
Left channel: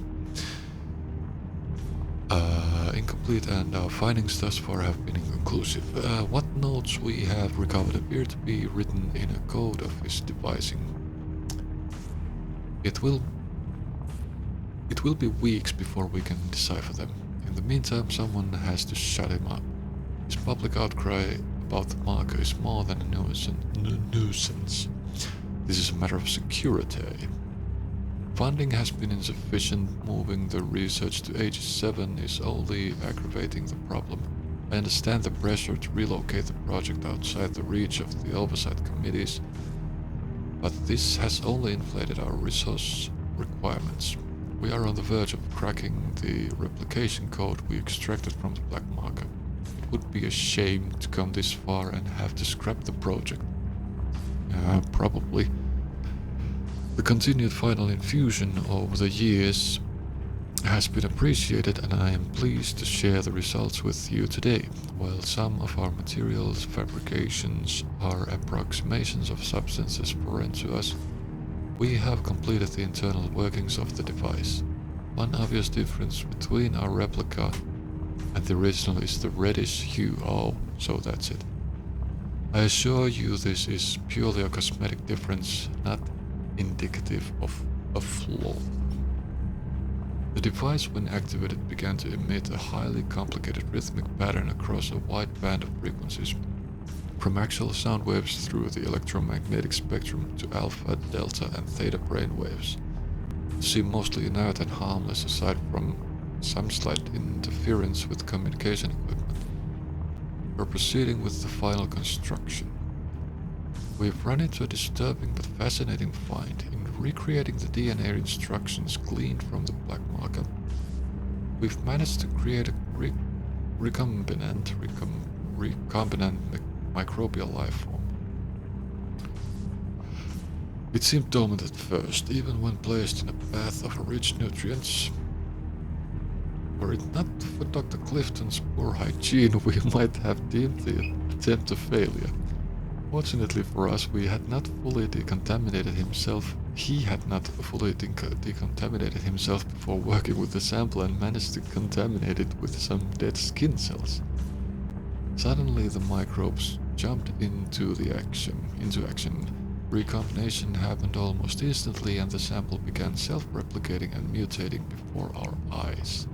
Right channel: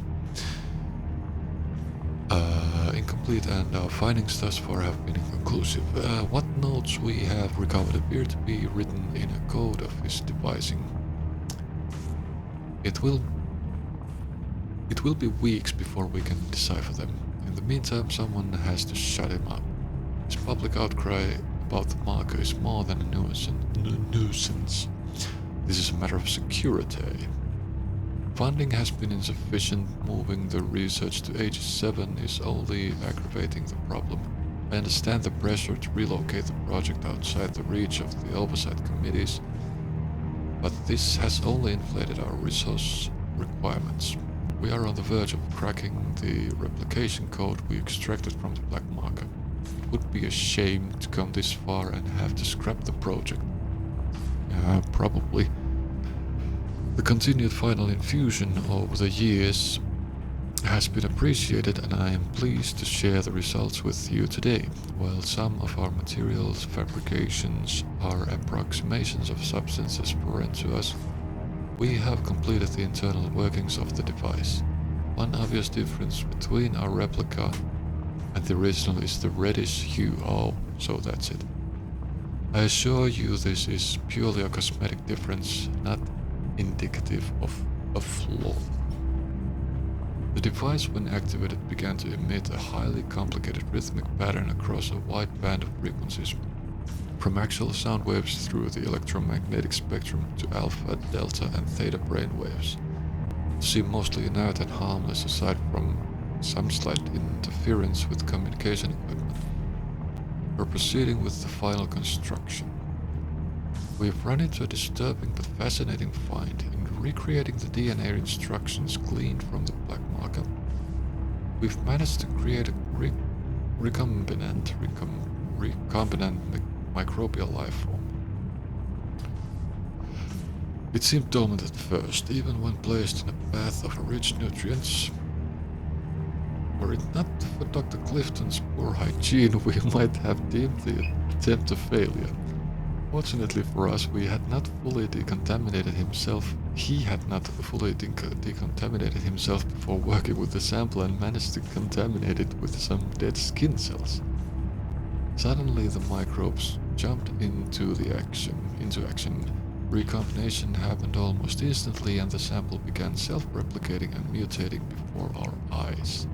Incomplete and our findings thus far have been inconclusive. What notes we have recovered appear to be written in a code of his devising. It will be weeks before we can decipher them. In the meantime, someone has to shut him up. His public outcry about the marker is more than a nuisance. This is a matter of security. Funding has been insufficient. Moving the research to Age 7 is only aggravating the problem. I understand the pressure to relocate the project outside the reach of the oversight committees, but this has only inflated our resource requirements. We are on the verge of cracking the replication code we extracted from the black marker. It would be a shame to come this far and have to scrap the project. Probably. The continued final infusion over the years has been appreciated and I am pleased to share the results with you today. While some of our materials fabrications are approximations of substances foreign to us, we have completed the internal workings of the device. One obvious difference between our replica and the original is the reddish hue. Oh, so that's it. I assure you this is purely a cosmetic difference, not indicative of a flaw. The device, when activated, began to emit a highly complicated rhythmic pattern across a wide band of frequencies, from actual sound waves through the electromagnetic spectrum to alpha, delta and theta brain waves. It seemed mostly inert and harmless aside from some slight interference with communication equipment. We're proceeding with the final construction. We've run into a disturbing but fascinating find. In recreating the DNA instructions gleaned from the black marker, we've managed to create a recombinant microbial life form. It seemed dormant at first, even when placed in a bath of rich nutrients. Were it not for Dr. Clifton's poor hygiene, we might have deemed the attempt a failure. Fortunately for us, he had not fully decontaminated himself before working with the sample and managed to contaminate it with some dead skin cells. Suddenly the microbes jumped into action. Recombination happened almost instantly and the sample began self-replicating and mutating before our eyes.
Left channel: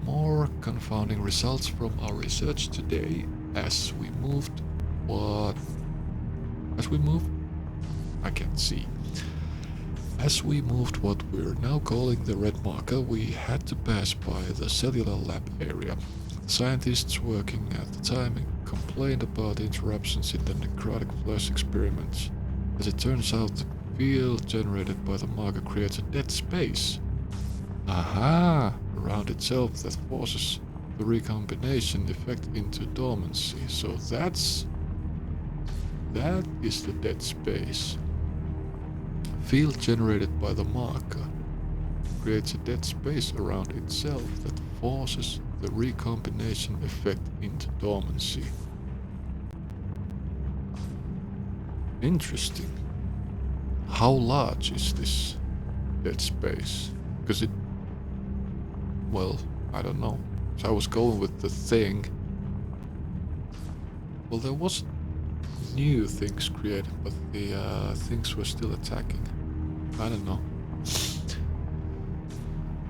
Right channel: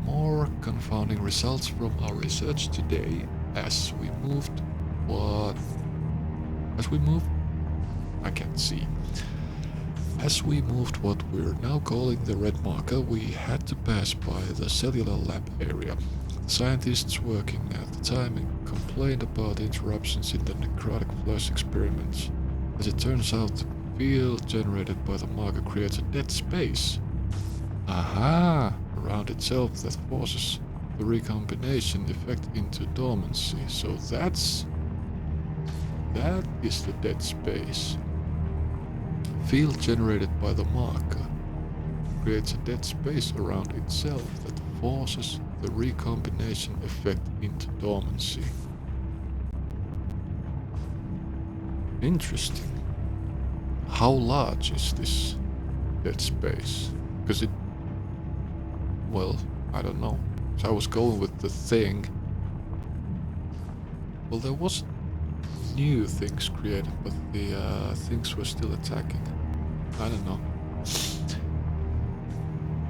More confounding results from our research today as we moved. I can't see. As we moved what we're now calling the red marker, we had to pass by the cellular lab area. The scientists working at the time complained about interruptions in the necrotic flush experiments. As it turns out, the field generated by the marker creates a dead space. Aha! Around itself that forces the recombination effect into dormancy. So that is the dead space. Field generated by the marker creates a dead space around itself that forces the recombination effect into dormancy. Interesting. How large is this dead space? Because well, I don't know. So I was going with the thing. Well, there was new things created, but the things were still attacking. I don't know.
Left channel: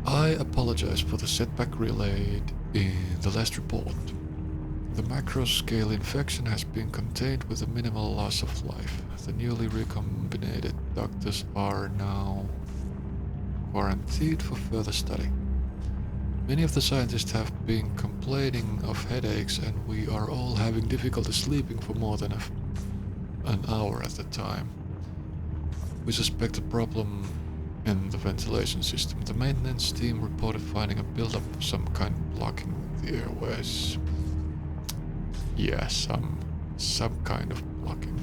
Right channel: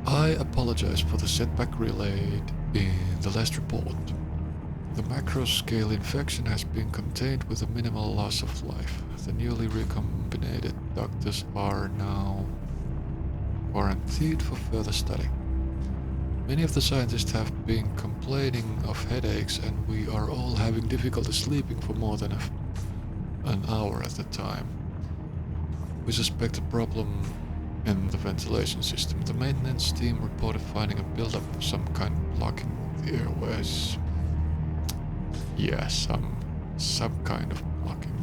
I apologize for the setback relayed in the last report. The macro-scale infection has been contained with a minimal loss of life. The newly recombinated doctors are now quarantined for further study. Many of the scientists have been complaining of headaches, and we are all having difficulty sleeping for more than an hour at a time. We suspect a problem in the ventilation system. The maintenance team reported finding a buildup of some kind blocking the airways. Yeah, some kind of blocking.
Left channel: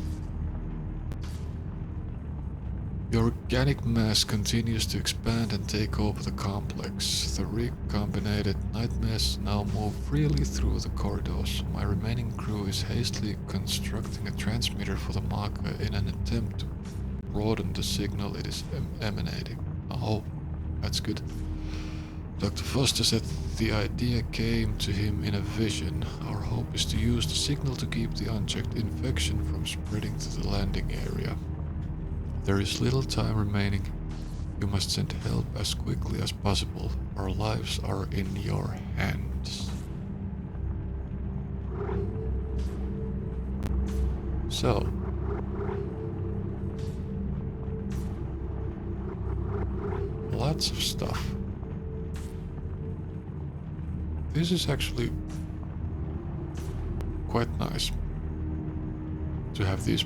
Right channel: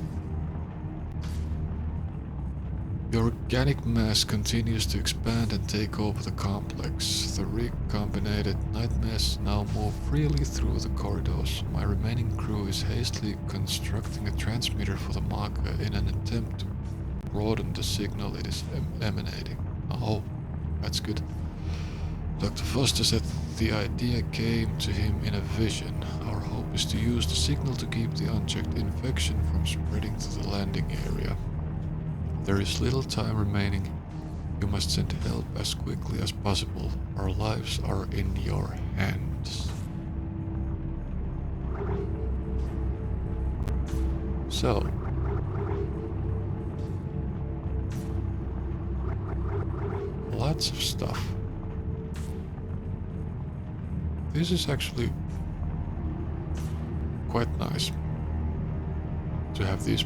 The organic mass continues to expand and take over the complex. The recombinated nightmares now move freely through the corridors. My remaining crew is hastily constructing a transmitter for the marker in an attempt to broaden the signal it is emanating. Oh, that's good. Dr. Foster said the idea came to him in a vision. Our hope is to use the signal to keep the unchecked infection from spreading to the landing area. There is little time remaining. You must send help as quickly as possible. Our lives are in your hands. So, lots of stuff. This is actually quite nice to have these,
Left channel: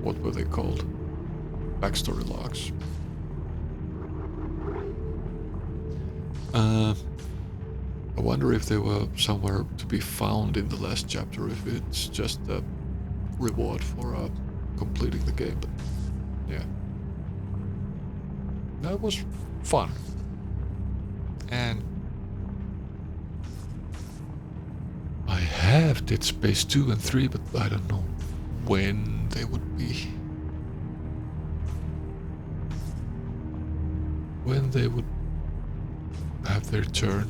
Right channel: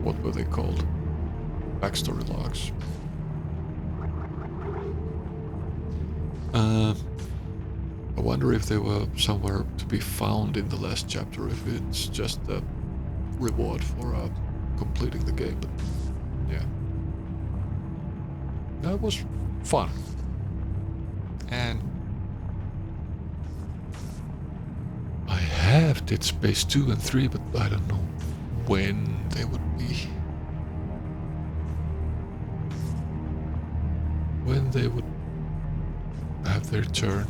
what were they called? Backstory logs. I wonder if they were somewhere to be found in the last chapter, if it's just a reward for completing the game, but yeah. That was fun. And I have Dead Space 2 and 3, but I don't know when they would be. When they would have their turn.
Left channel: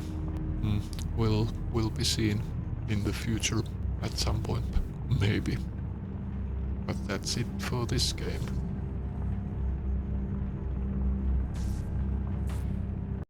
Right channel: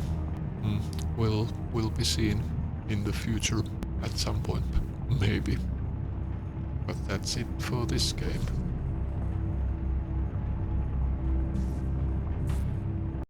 Will be seen in the future at some point, maybe. But that's it for this game.